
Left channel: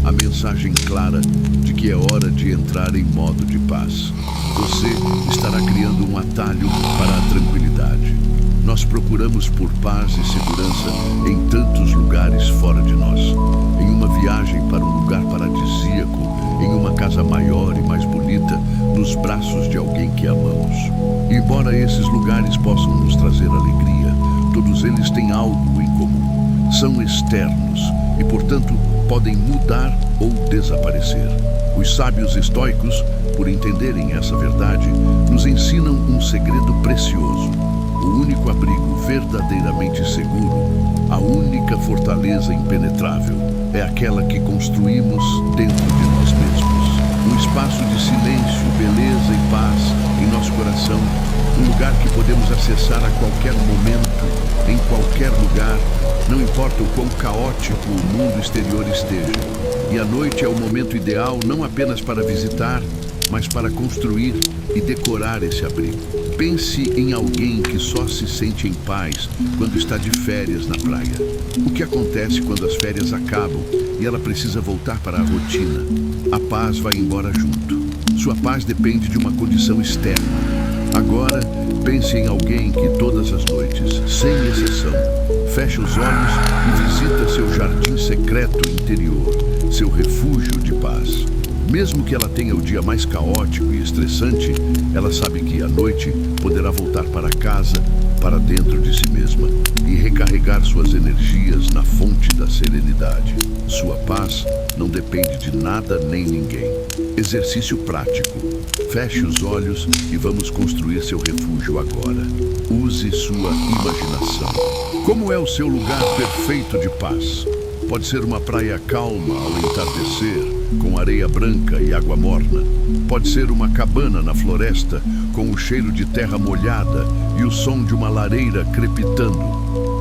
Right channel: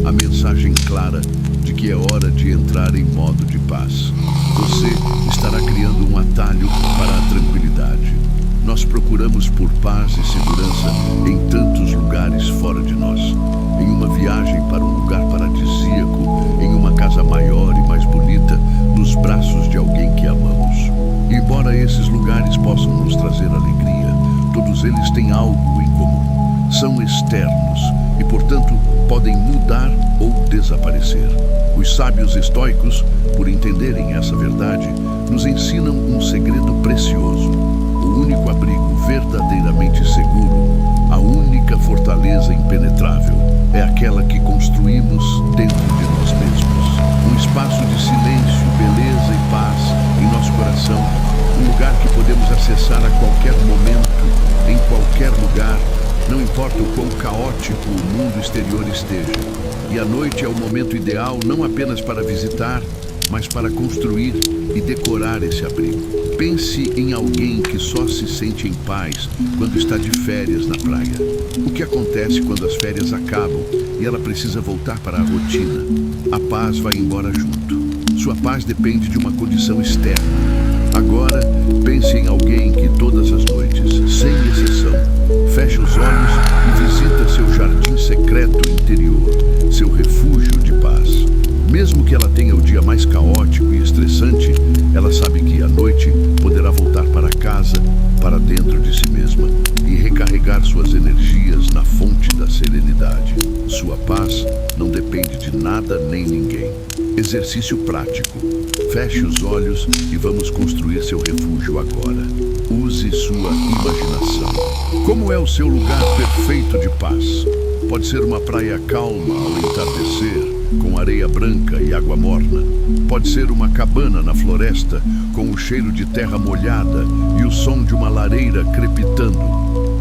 a mensagem clara de que é hora de entrar em modo de paz. Você estará criando um atalho para a tranquilidade. Nós procuramos por paz e segurança em tantos lugares fora de nós. Em uma viagem para um lugar paradisíaco, em uma casa maior e mais bonita, nos braços de alguém que amamos. Embora esses lugares possam nos trazer alegria, todos eles têm algo em comum. São externos e, portanto, podem mudar ou desaparecer. Os sábios estoicos, por entenderem essa verdade, nos ensinam um segredo precioso. O único abrigo verdadeiramente seguro, a única fortaleza impenetrável, é aquela que construímos dentro de nós mesmos. Um espaço de silêncio, beleza e paz em nosso coração, um lugar que podemos acessar a qualquer momento, em qualquer lugar, não importa o quão caótico o mundo exterior esteja. E a noite é o momento ideal não apenas para visitar, mas para construir e decorar esse abrigo. Pense em alguém que só se sente em paz quando está de férias na praia. O que acontece quando as férias acabam e ela precisa voltar para a rotina? A paz vai embora junto. Sua paz depende de uma condição externa. Agora, pense em alguém que todas as noites, sem exceção, fecha os olhos e visita seu jardim secreto interior, seu refúgio de paz. Mesmo que ela tenha o dia mais caótico e estressante, ela sabe que à noite poderá voltar para casa, para dentro de si mesma, e recarregar suas energias na fonte da serenidade. Sua paz não depende de nada nem ninguém. Exercício prático. Feche os olhos e vamos construir seu refúgio agora. Use sua imaginação. Como é o seu lugar perfeito de paz? Pode ser uma praia calma ao entardecer, com areia branca e água morna. Pode ser uma cabana na floresta, com o cheiro de terra molhada e o som de uma lareira crepitando.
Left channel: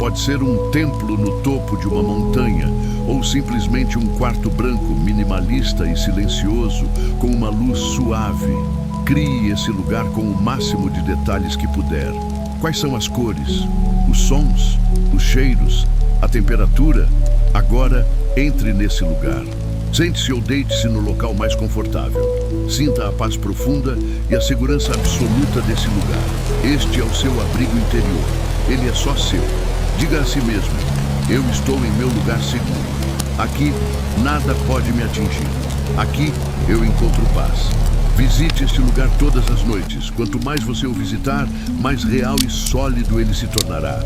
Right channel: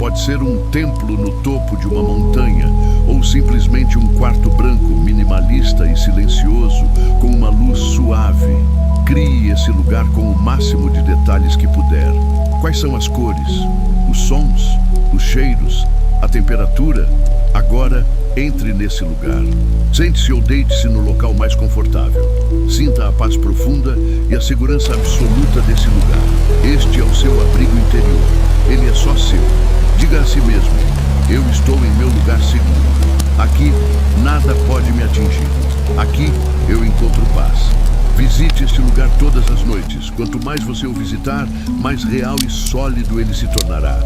Pode ser um templo no topo de uma montanha, ou simplesmente um quarto branco minimalista e silencioso, com uma luz suave. Crie esse lugar com o máximo de detalhes que puder. Quais são as cores, os sons, os cheiros, a temperatura? Agora, entre nesse lugar. Sente-se ou deite-se no local mais confortável. Sinta a paz profunda e a segurança absoluta desse lugar. Este é o seu abrigo interior. Ele é só seu. Diga a si mesmo: eu estou em meu lugar seguro. Aqui, nada pode me atingir. Aqui, eu encontro paz. Visite este lugar todas as noites. Quanto mais você o visitar, mais real e sólido ele se tornará.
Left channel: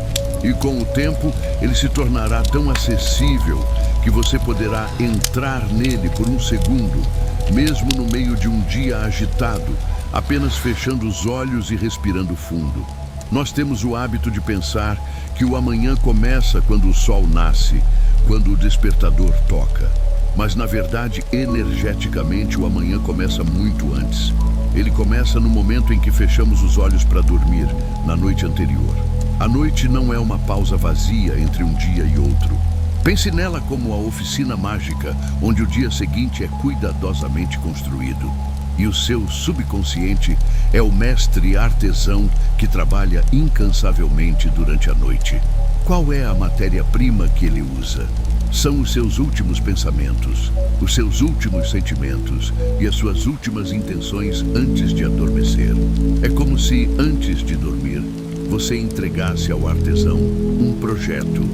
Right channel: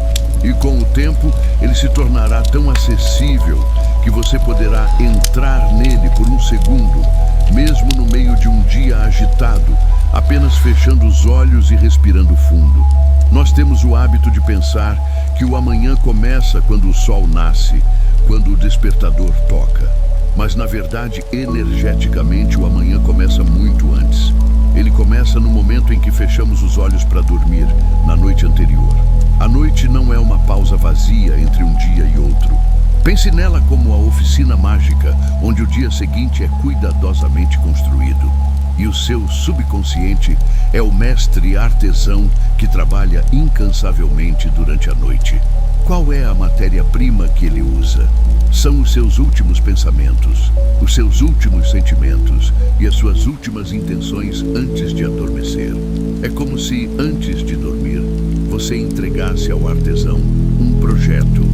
E com o tempo, ele se tornará tão acessível que você poderá entrar nele por um segundo, mesmo no meio de um dia agitado, apenas fechando os olhos e respirando fundo. Nós temos o hábito de pensar que o amanhã começa quando o sol nasce, quando o despertador toca. Mas, na verdade, energeticamente, o amanhã começa muito antes. Ele começa no momento em que fechamos os olhos para dormir, na noite anterior. A noite não é uma pausa vazia entre um dia e outro. Pense nela como a oficina mágica, onde o dia seguinte é cuidadosamente construído. E o seu subconsciente é o mestre artesão que trabalha incansavelmente durante a noite. Qual é a matéria-prima que ele usa? São os seus últimos pensamentos, os seus últimos sentimentos e as suas últimas intenções antes de adormecer. É como se, antes de dormir, você entregasse ao artesão um projeto,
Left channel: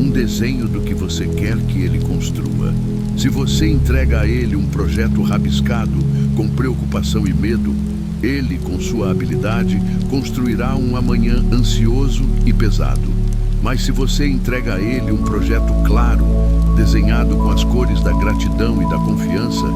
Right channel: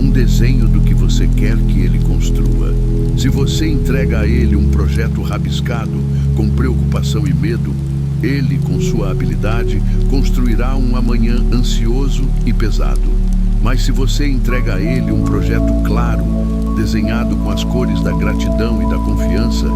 um desenho do que você quer que ele construa. Se você entrega a ele um projeto rabiscado, com preocupação e medo, ele, com sua habilidade, construirá um amanhã ansioso e pesado. Mas se você entrega a ele um projeto claro, desenhado com as cores da gratidão e da confiança,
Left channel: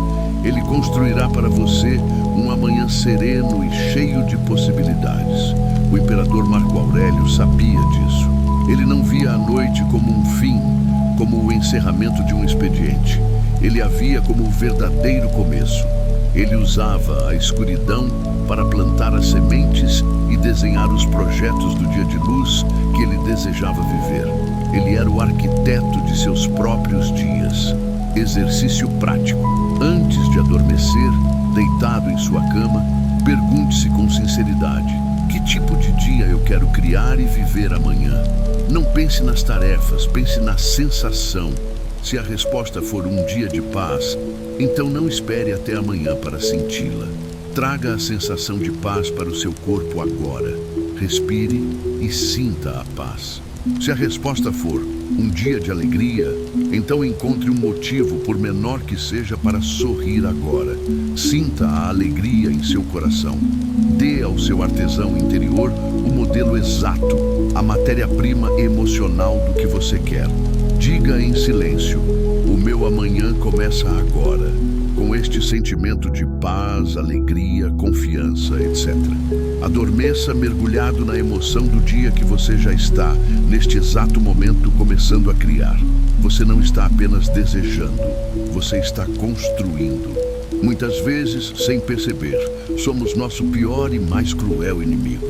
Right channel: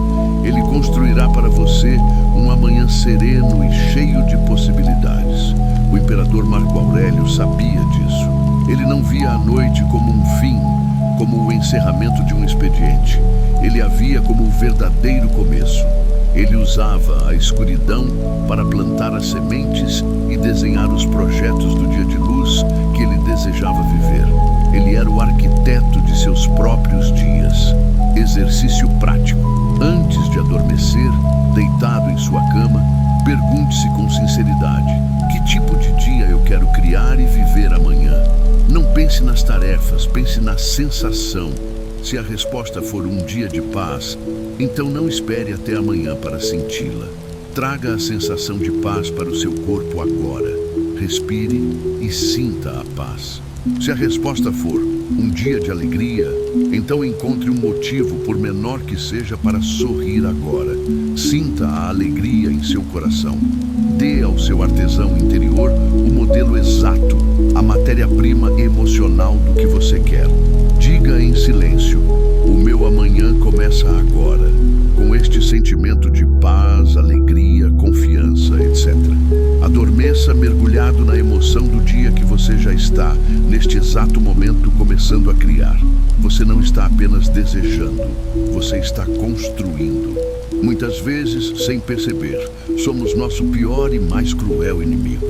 ele construirá para você um amanhã sereno e cheio de possibilidades. O imperador Marco Aurélio sabia disso. Ele não via a noite como um fim, como o encerramento de um expediente. Ele a via como o verdadeiro começo. Ele usava a escuridão para plantar as sementes e desenhar os projetos do dia de luz que ele desejava viver. Ele era o arquiteto de seus próprios dias. Exercício prático. Antes de adormecer, deitado em sua cama, pergunte-se com sinceridade: que tipo de dia eu quero criar e viver amanhã? Não pense nas tarefas, pense na sensação. Se a resposta for um dia de paz, então não espere até amanhã para senti-la. Traga a sensação de paz para o seu corpo agora. Respire e sinta a paz. Se a resposta for um dia de alegria, então encontre um motivo, por menor que seja, para sorrir agora. Sinta a alegria em seu coração. Dê ao seu artesão interior o modelo exato, a matéria-prima emocional do que você quer. Diga em silêncio: o meu amanhã começa agora, com este sentimento de paz, alegria, confiança, etc. Adormeça mergulhado na emoção do dia que você já está, neste exato momento, começando a criar. Você não está apenas desejando, você está construindo. Muitas vezes, sem perceber, somos nosso pior e mais cruel inimigo.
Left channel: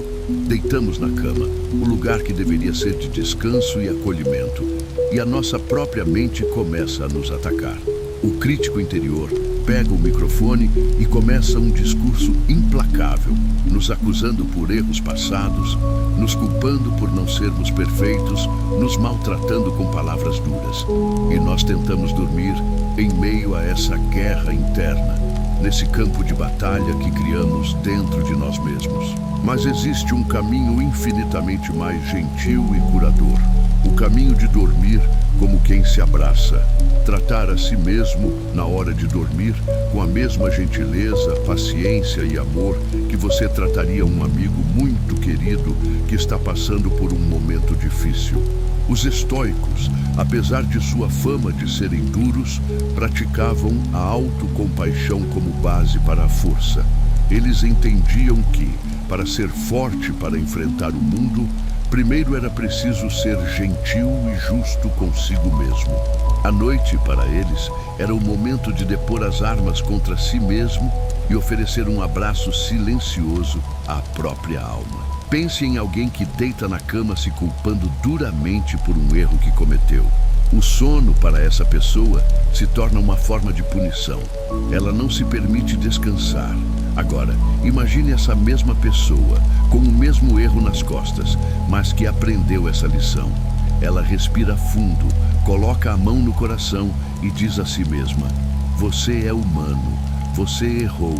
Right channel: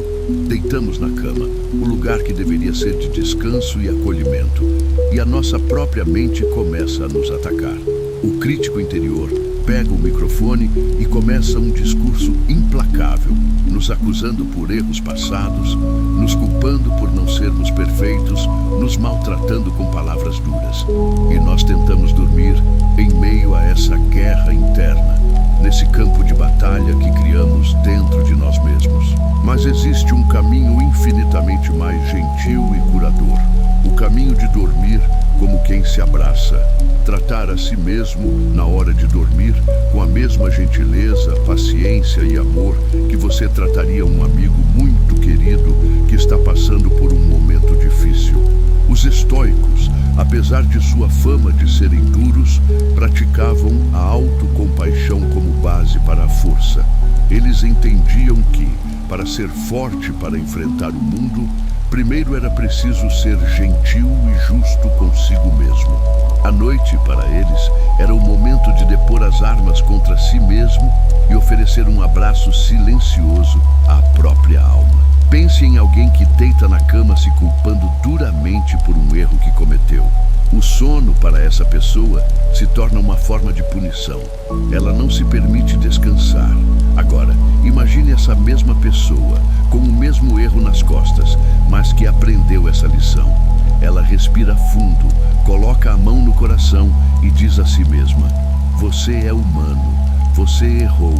Deitamos na cama, o lugar que deveria ser de descanso e acolhimento, e a nossa própria mente começa a nos atacar. O crítico interior pega o microfone e começa um discurso implacável, nos acusando por erros passados, nos culpando por não sermos perfeitos, nos maltratando com palavras duras. E nós tentamos dormir em meio a essa guerra interna, nesse campo de batalha que criamos dentro de nós mesmos. Mas existe um caminho infinitamente mais gentil e curador. O caminho de dormir como quem se abraça. Tratar a si mesmo, na hora de dormir, com a mesma gentileza, paciência e amor que você trataria um amigo muito querido que está passando por um momento difícil. Os estoicos, apesar de sua fama de serem duros, praticavam a autocompaixão como base para a força. Eles entendiam que, para ser forte para enfrentar o mundo, primeiro era preciso ser gentil e justo consigo mesmo. A noite, para eles, era o momento de depor as armas contra si mesmo e oferecer um abraço silencioso à própria alma. Pense em alguém que deita na cama se culpando duramente por um erro que cometeu. O sono, para essa pessoa, se torna uma forma de punição. Ela não se permite descansar. Agora, imagine essa mesma pessoa, com o mesmo erro nas costas, mas que aprendeu essa lição. Ela respira fundo, coloca a mão no coração e diz a si mesma: você é humano, você errou,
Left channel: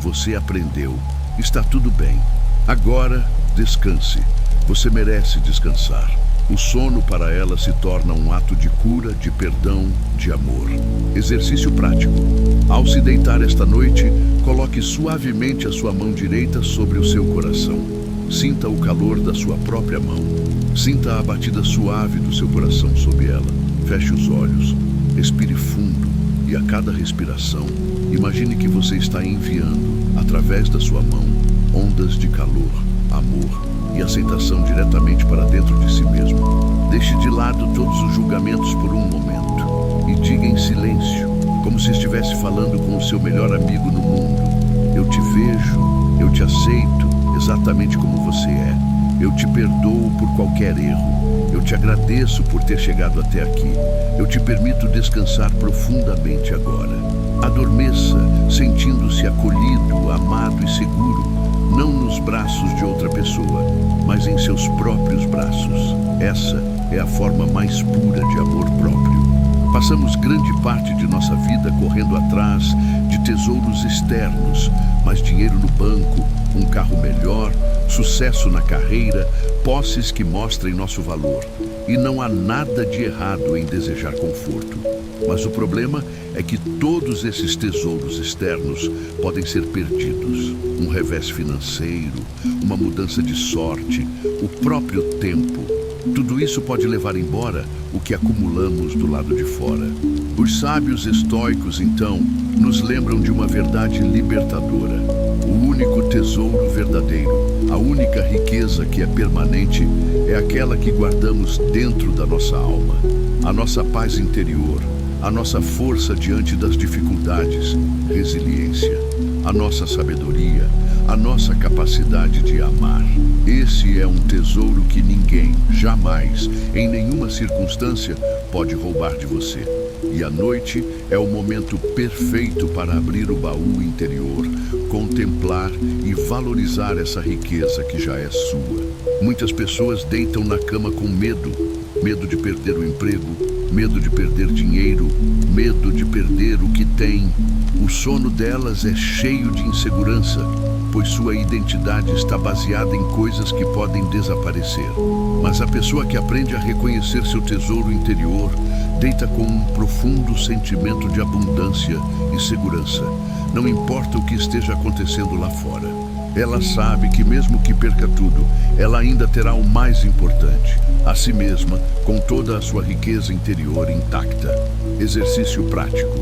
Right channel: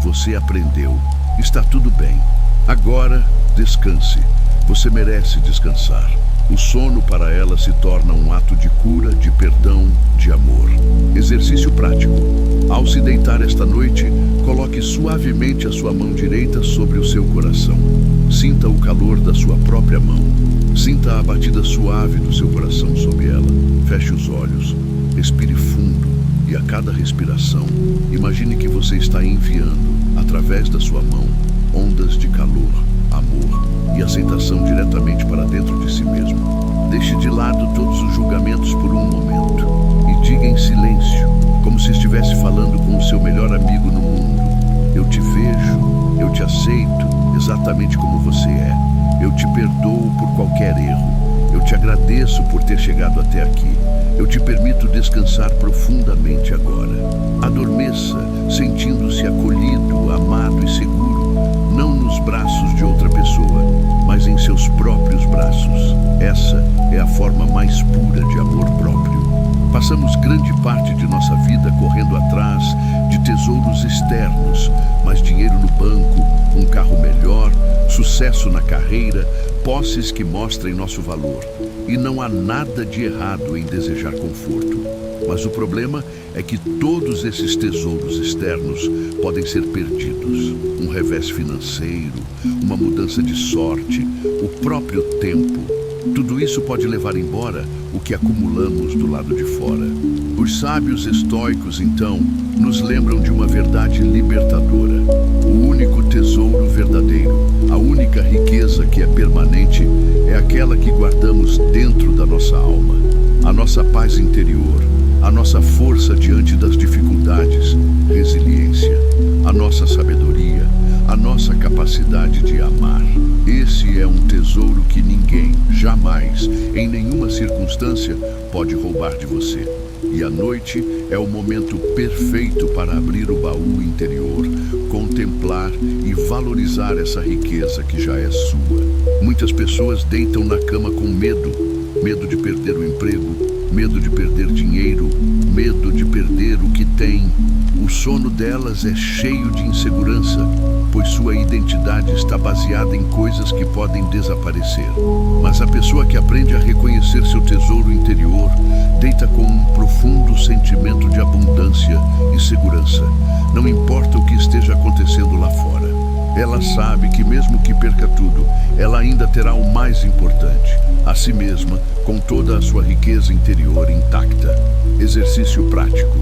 você aprendeu, está tudo bem. Agora, descanse. Você merece descansar. O sono para ela se torna um ato de cura, de perdão, de amor. Exercício prático. Ao se deitar esta noite, coloque suavemente a sua mão direita sobre o seu coração. Sinta o calor da sua própria mão. Sinta a batida suave do seu coração sobre ela. Feche os olhos. Respire fundo e a cada respiração, imagine que você está enviando, através da sua mão, ondas de calor, amor e aceitação diretamente para dentro de si mesmo. Deixe de lado todos os julgamentos por um momento e diga em silêncio, como se estivesse falando com o seu melhor amigo no mundo: eu te vejo, eu te aceito exatamente como você é. Eu te perdoo por qualquer erro. Eu te agradeço por ter chegado até aqui. Eu te permito descansar profundamente agora. Adormeça, sentindo-se acolhido, amado e seguro, não nos braços de outra pessoa, mas em seus próprios braços. Essa é a forma mais pura de amor próprio. Passamos grande parte de nossa vida correndo atrás de tesouros externos, mas dinheiro no banco, um carro melhor, sucesso na carreira, posses que mostrem nosso valor. E não há nada de errado em desejar conforto. Mas o problema é que todos esses tesouros externos podem ser perdidos. Um revés financeiro, uma mudança de sorte, o próprio tempo. Tudo isso pode levar embora o que acumulamos do lado de fora. Os sábios estoicos, então, nos lembram de uma verdade libertadora. O único tesouro verdadeiro, a única riqueza que é permanente, é aquela que guardamos dentro da nossa alma. A nossa paz interior, a nossa força diante das dificuldades, resiliência, a nossa sabedoria, a nossa capacidade de amar. Esse é um tesouro que ninguém, jamais, em nenhuma circunstância, pode roubar de você. E a noite é o momento perfeito para abrir o baú interior, contemplar e valorizar essa riqueza que já é sua. Muitas pessoas deitam na cama com medo, medo de perder o emprego, medo de perder dinheiro, medo de perder o que tem. O sono delas é cheio de insegurança, pois sua identidade está baseada em coisas que podem desaparecer. Mas a pessoa que aprende a reconhecer seu tesouro interior deita com um profundo sentimento de abundância e segurança. Não importa o que esteja acontecendo lá fora. Ela sabe que mesmo que perca tudo, ela ainda terá o mais importante, a si mesma, com toda a sua riqueza interior intacta. Exercício prático.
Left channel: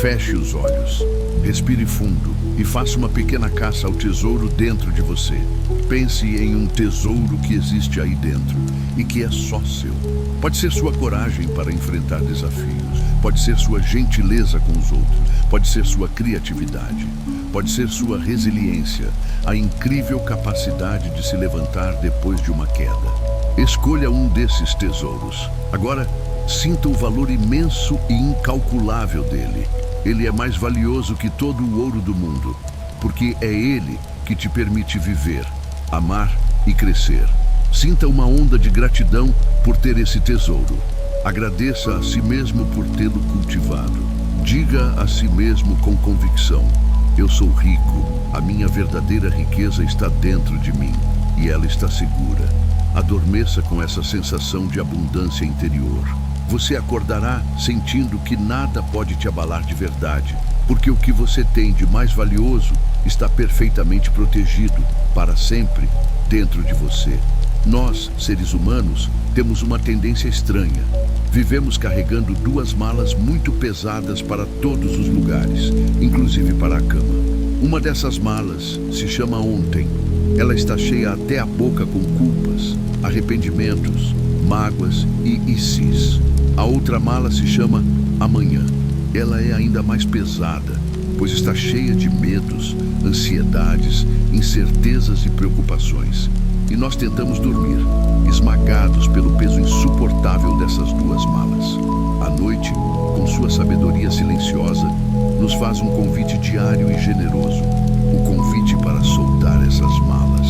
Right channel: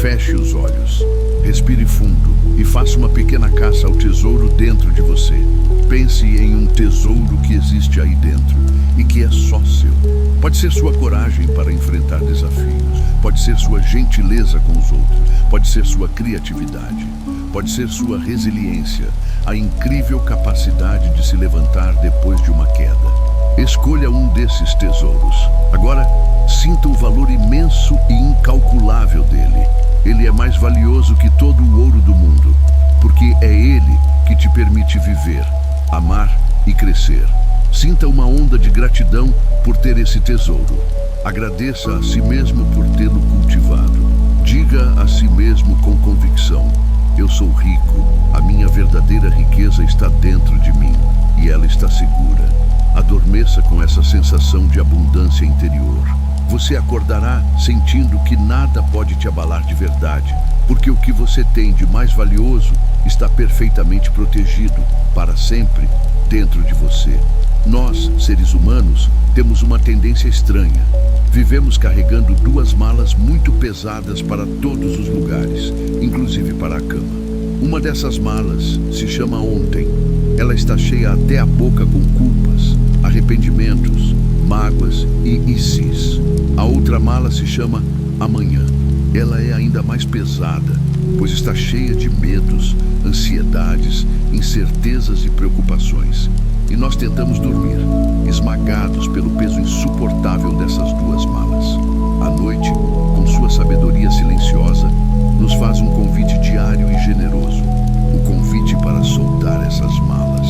Feche os olhos, respire fundo e faça uma pequena caça ao tesouro dentro de você. Pense em um tesouro que existe aí dentro e que é só seu. Pode ser sua coragem para enfrentar desafios, pode ser sua gentileza com os outros, pode ser sua criatividade, pode ser sua resiliência, a incrível capacidade de se levantar depois de uma queda. Escolha um desses tesouros. Agora, sinta o valor imenso e incalculável dele. Ele é mais valioso que todo o ouro do mundo, porque é ele que te permite viver, amar e crescer. Sinta uma onda de gratidão por ter esse tesouro. Agradeça a si mesmo por tê-lo cultivado. Diga a si mesmo com convicção: eu sou rico, a minha verdadeira riqueza está dentro de mim e ela está segura. Adormeça com essa sensação de abundância interior. Você acordará sentindo que nada pode te abalar de verdade, porque o que você tem de mais valioso está perfeitamente protegido, para sempre, dentro de você. Nós, seres humanos, temos uma tendência estranha. Vivemos carregando duas malas muito pesadas para todos os lugares, inclusive para a cama. Uma dessas malas se chama ontem. Ela está cheia até a boca com culpas, arrependimentos, mágoas e isis. A outra mala se chama amanhã. Ela é ainda mais pesada, pois está cheia de medos, ansiedades, incertezas e preocupações. E nós tentamos dormir, esmagados pelo peso insuportável dessas duas malas. A noite, com sua sabedoria silenciosa, nos faz um convite diário e generoso. O convite para soltar essas malas.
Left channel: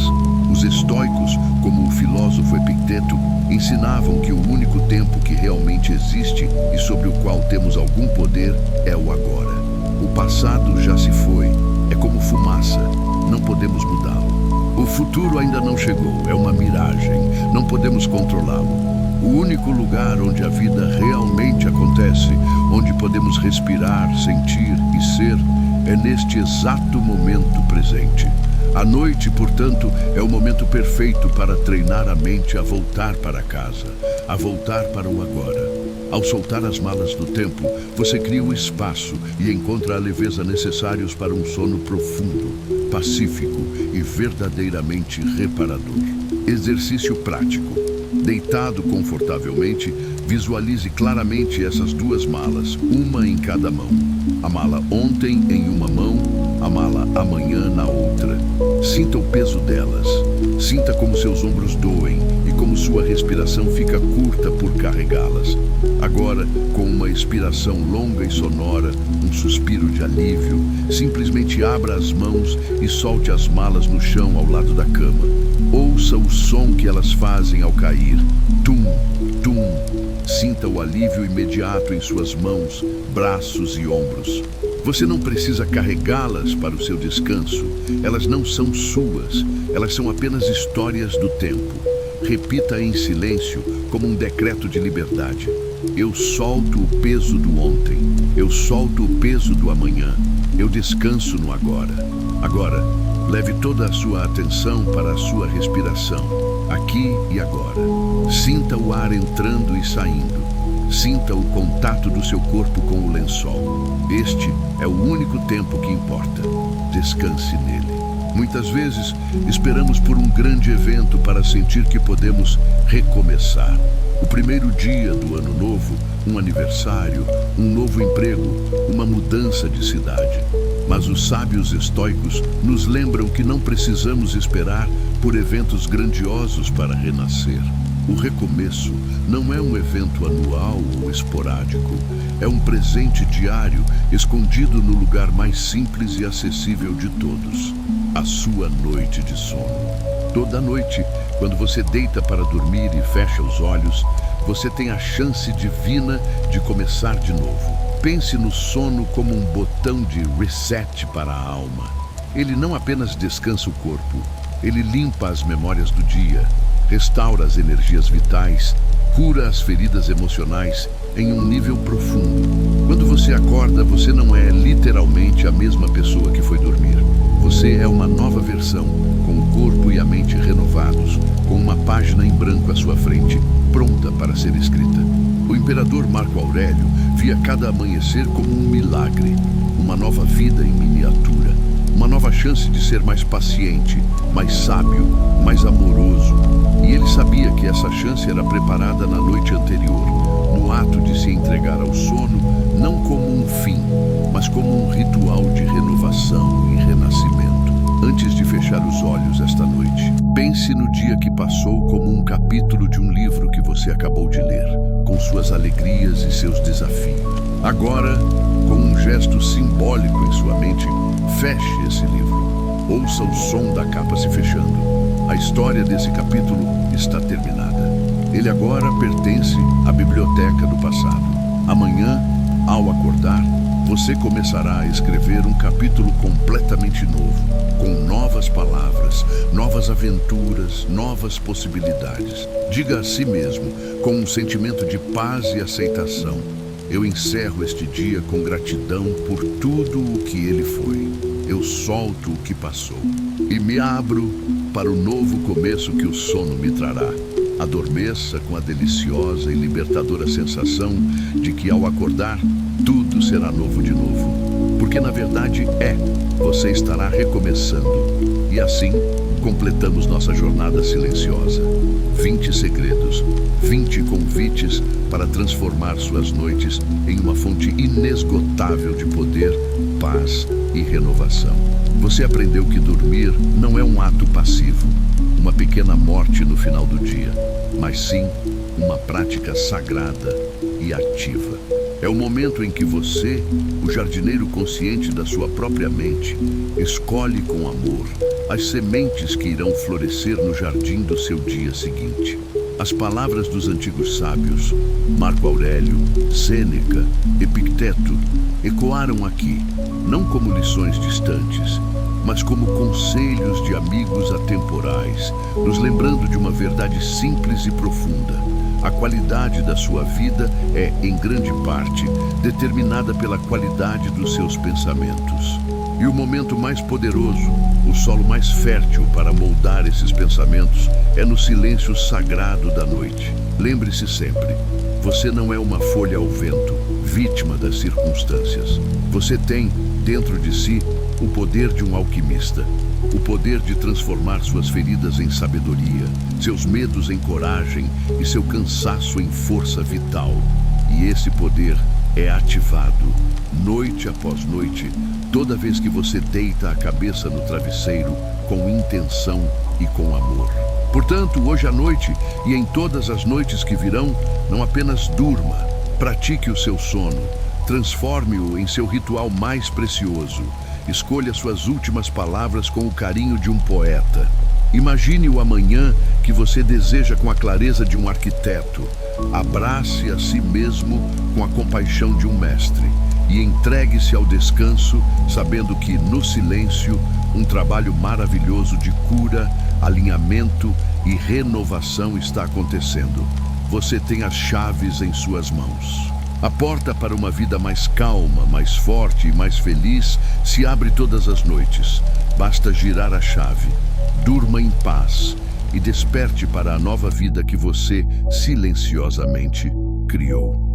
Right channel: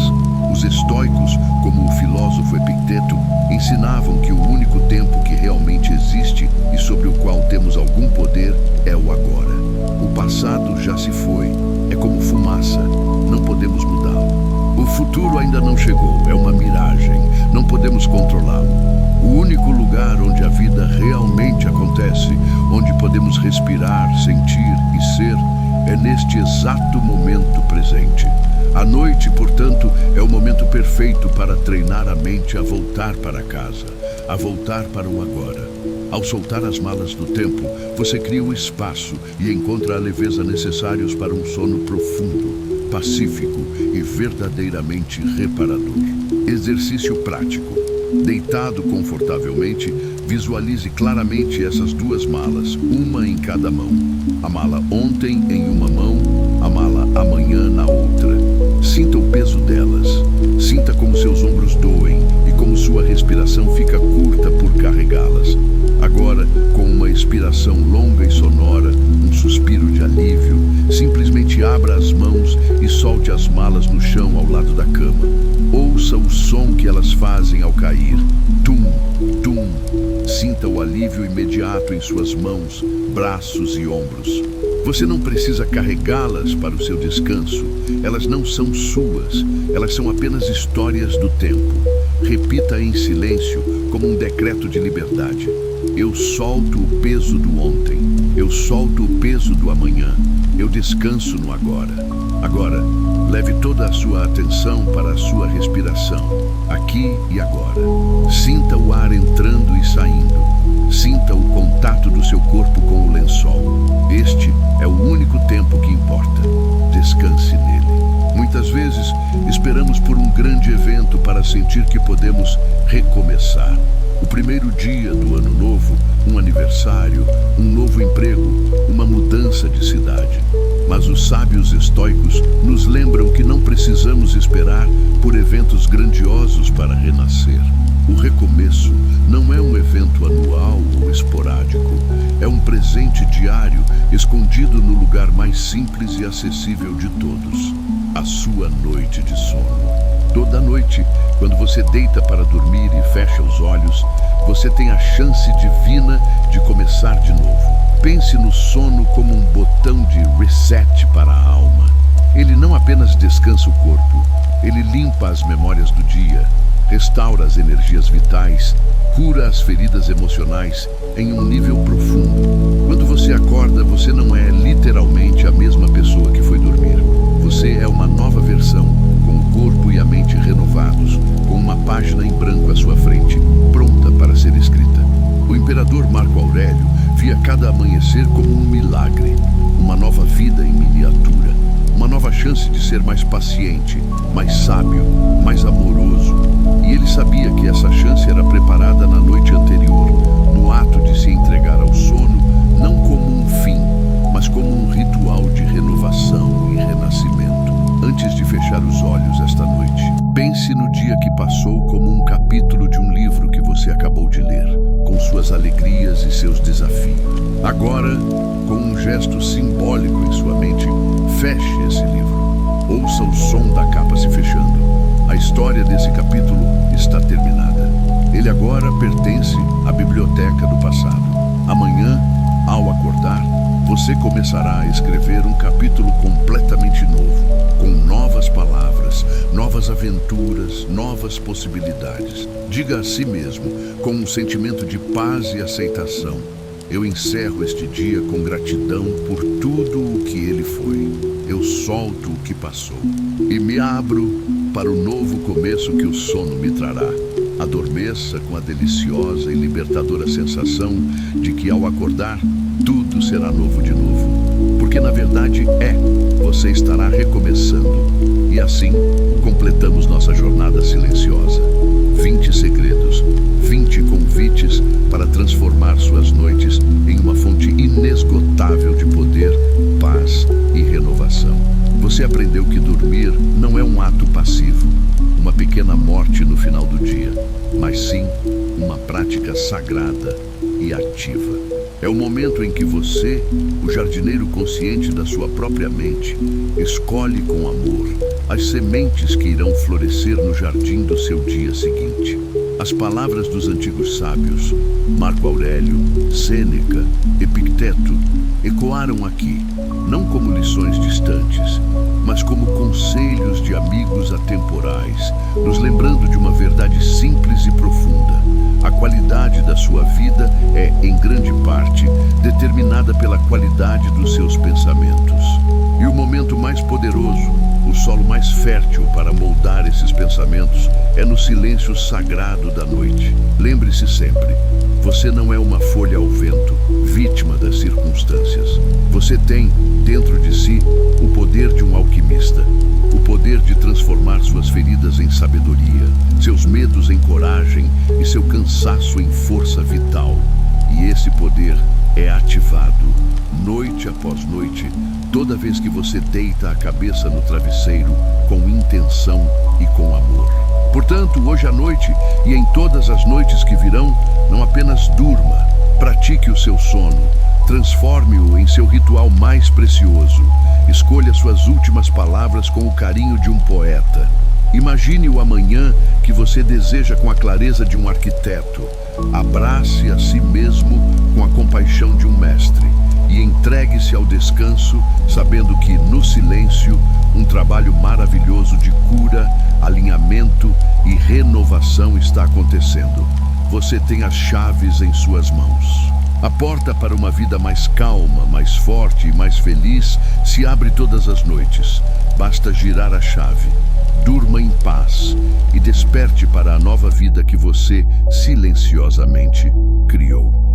Os estoicos, como o filósofo Epicteto, ensinavam que o único tempo que realmente existe e sobre o qual temos algum poder é o agora. O passado já se foi, é como fumaça, não podemos mudá-lo. O futuro ainda não chegou, é uma miragem, não podemos controlá-lo. O único lugar onde a vida realmente acontece, onde podemos respirar, sentir e ser, é neste exato momento presente. A noite, portanto, é o momento perfeito para treinar a mente a voltar para casa, a voltar para o agora. Ao soltar as malas do tempo, você cria o espaço e encontra a leveza necessários para um sono profundo, pacífico e verdadeiramente reparador. Exercício prático. Deitado confortavelmente, visualize claramente essas duas malas, uma em cada mão. A mala ontem em uma mão, a mala amanhã na outra. Sinta o peso delas. Sinta como seus ombros doem e como sua sua respiração fica curta por carregá-las. Agora, com uma expiração longa e sonora, um suspiro de alívio, simplesmente abra as mãos e solte as malas no chão ao lado da cama. Ouça o som que elas fazem ao cair. Tum, tum. Sinta o alívio imediato em suas mãos, braços e ombros. Você não precisa carregá-las para o seu descanso. Elas não são suas. Elas são apenas histórias do tempo. Repita em silêncio, como um decreto de liberdade. Eu solto o peso do ontem. Eu solto o peso do amanhã. Eu descanso no agora. Agora, leve toda a sua atenção para a sua respiração, aqui e agora. Sinta o ar entrando e saindo. Sinta o contato do seu corpo com o lençol. Este é o único tempo que importa. Descanse nele. Muitas vezes, esperamos por um grande evento para sentir que podemos recomeçar. O primeiro dia do ano novo, um aniversário, um novo emprego, uma mudança de cidade. Mas os sábios estoicos nos lembram que não precisamos esperar por eventos grandiosos para renascer. O recomeço não é um evento anual ou esporádico. É um presente diário escondido no lugar mais simples e acessível de todos: a sua noite de sono. Toda noite, quando você deita para dormir e fecha os olhos, você tem a chance divina de começar de novo. Pense no sono como um botão de reset para a alma. Ele não apenas descansa o corpo, ele limpa as memórias do dia, restaura as energias vitais, cura as feridas emocionais em um nível profundo. Quando você acorda, você não é literalmente a mesma pessoa que foi dormir. Você é uma nova versão, com o corpo e a mente renovados, com uma página em branco à sua frente, pronta para ser escrita. O imperador Marco Aurélio via cada amanhecer como um milagre, uma nova vida em miniatura, uma nova chance de ser mais paciente, mais sábio, mais amoroso. E ele sabia que essa chance era preparada na noite anterior, no ato de se entregar ao sono, não como um fim, mas como um ritual de renovação e renascimento. Antes de fechar os olhos esta noite, pense no dia que passou como um capítulo de um livro que você acabou de ler, com suas alegrias e seus desafios. Agora, com um gesto simbólico em sua mente, feche esse livro. Ouça o som da capa se fechando. A história desse capítulo está terminada. Ele agora pertence à biblioteca do passado. Amanhã, ao acordar, você começará a escrever um capítulo completamente novo, com novas palavras, novas aventuras, novas possibilidades. Diga a si mesmo, com um sentimento de paz e aceitação: eu encerro este dia com gratidão por tudo o que ele foi. Eu solto o que passou e me abro para o novo começo que o sono me trará. Adormeça com a deliciosa e libertadora sensação de que, ao acordar, tudo será novo de novo. Porque, na verdade, você estará recomeçando. E assim, completamos nossa jornada silenciosa. 20 segredos, 20 convites para transformar suas noites em uma fonte inesgotável de poder, paz e renovação. Você aprendeu que dormir não é um ato passivo, uma pequena morte no final do dia, mas sim uma prática sagrada e ativa. É o momento em que você, o jardineiro consciente da sua própria mente, escolhe com amor as sementes que irão florescer no jardim do seu dia seguinte. As palavras dos antigos sábios, Marco Aurélio, Sêneca, Epicteto, ecoaram aqui, não como lições distantes, mas como conselhos de amigos atemporais, nos lembrando de uma verdade simples e profunda. A qualidade da sua vida é, em grande parte, determinada pela qualidade dos seus pensamentos. E o momento mais poderoso, o solo mais fértil para moldar esses pensamentos, é no silêncio sagrado da noite. Lembre-se sempre, você não é uma folha ao vento, vítima das circunstâncias. Você tem, dentro de si, o poder de um alquimista, o poder de transformar suas feridas em sabedoria, seus medos em coragem e seu cansaço em força vital. E esse poder é ativado, noite após noite, toda vez que você deita a cabeça no travesseiro com intenção e com amor. Portanto, hoje à noite e em todas as noites que virão, não apenas durma, pratique o seu sono, transforme-o em seu ritual mais precioso. Escolha suas últimas palavras com o carinho de um poeta. Imagine o amanhã que você deseja com a clareza de um arquiteto. Abrace a si mesmo com a compaixão de um mestre e entregue-se ao descanso, sabendo que, no silêncio, um trabalho maravilhoso de cura, alinhamento e renovação está acontecendo. Você tem as chaves em suas mãos. A porta para uma vida mais calma, mais forte e mais feliz se abre todas as noites. Basta girar a chave. Durma em paz e desperte para a nova vida que você silenciosamente criou.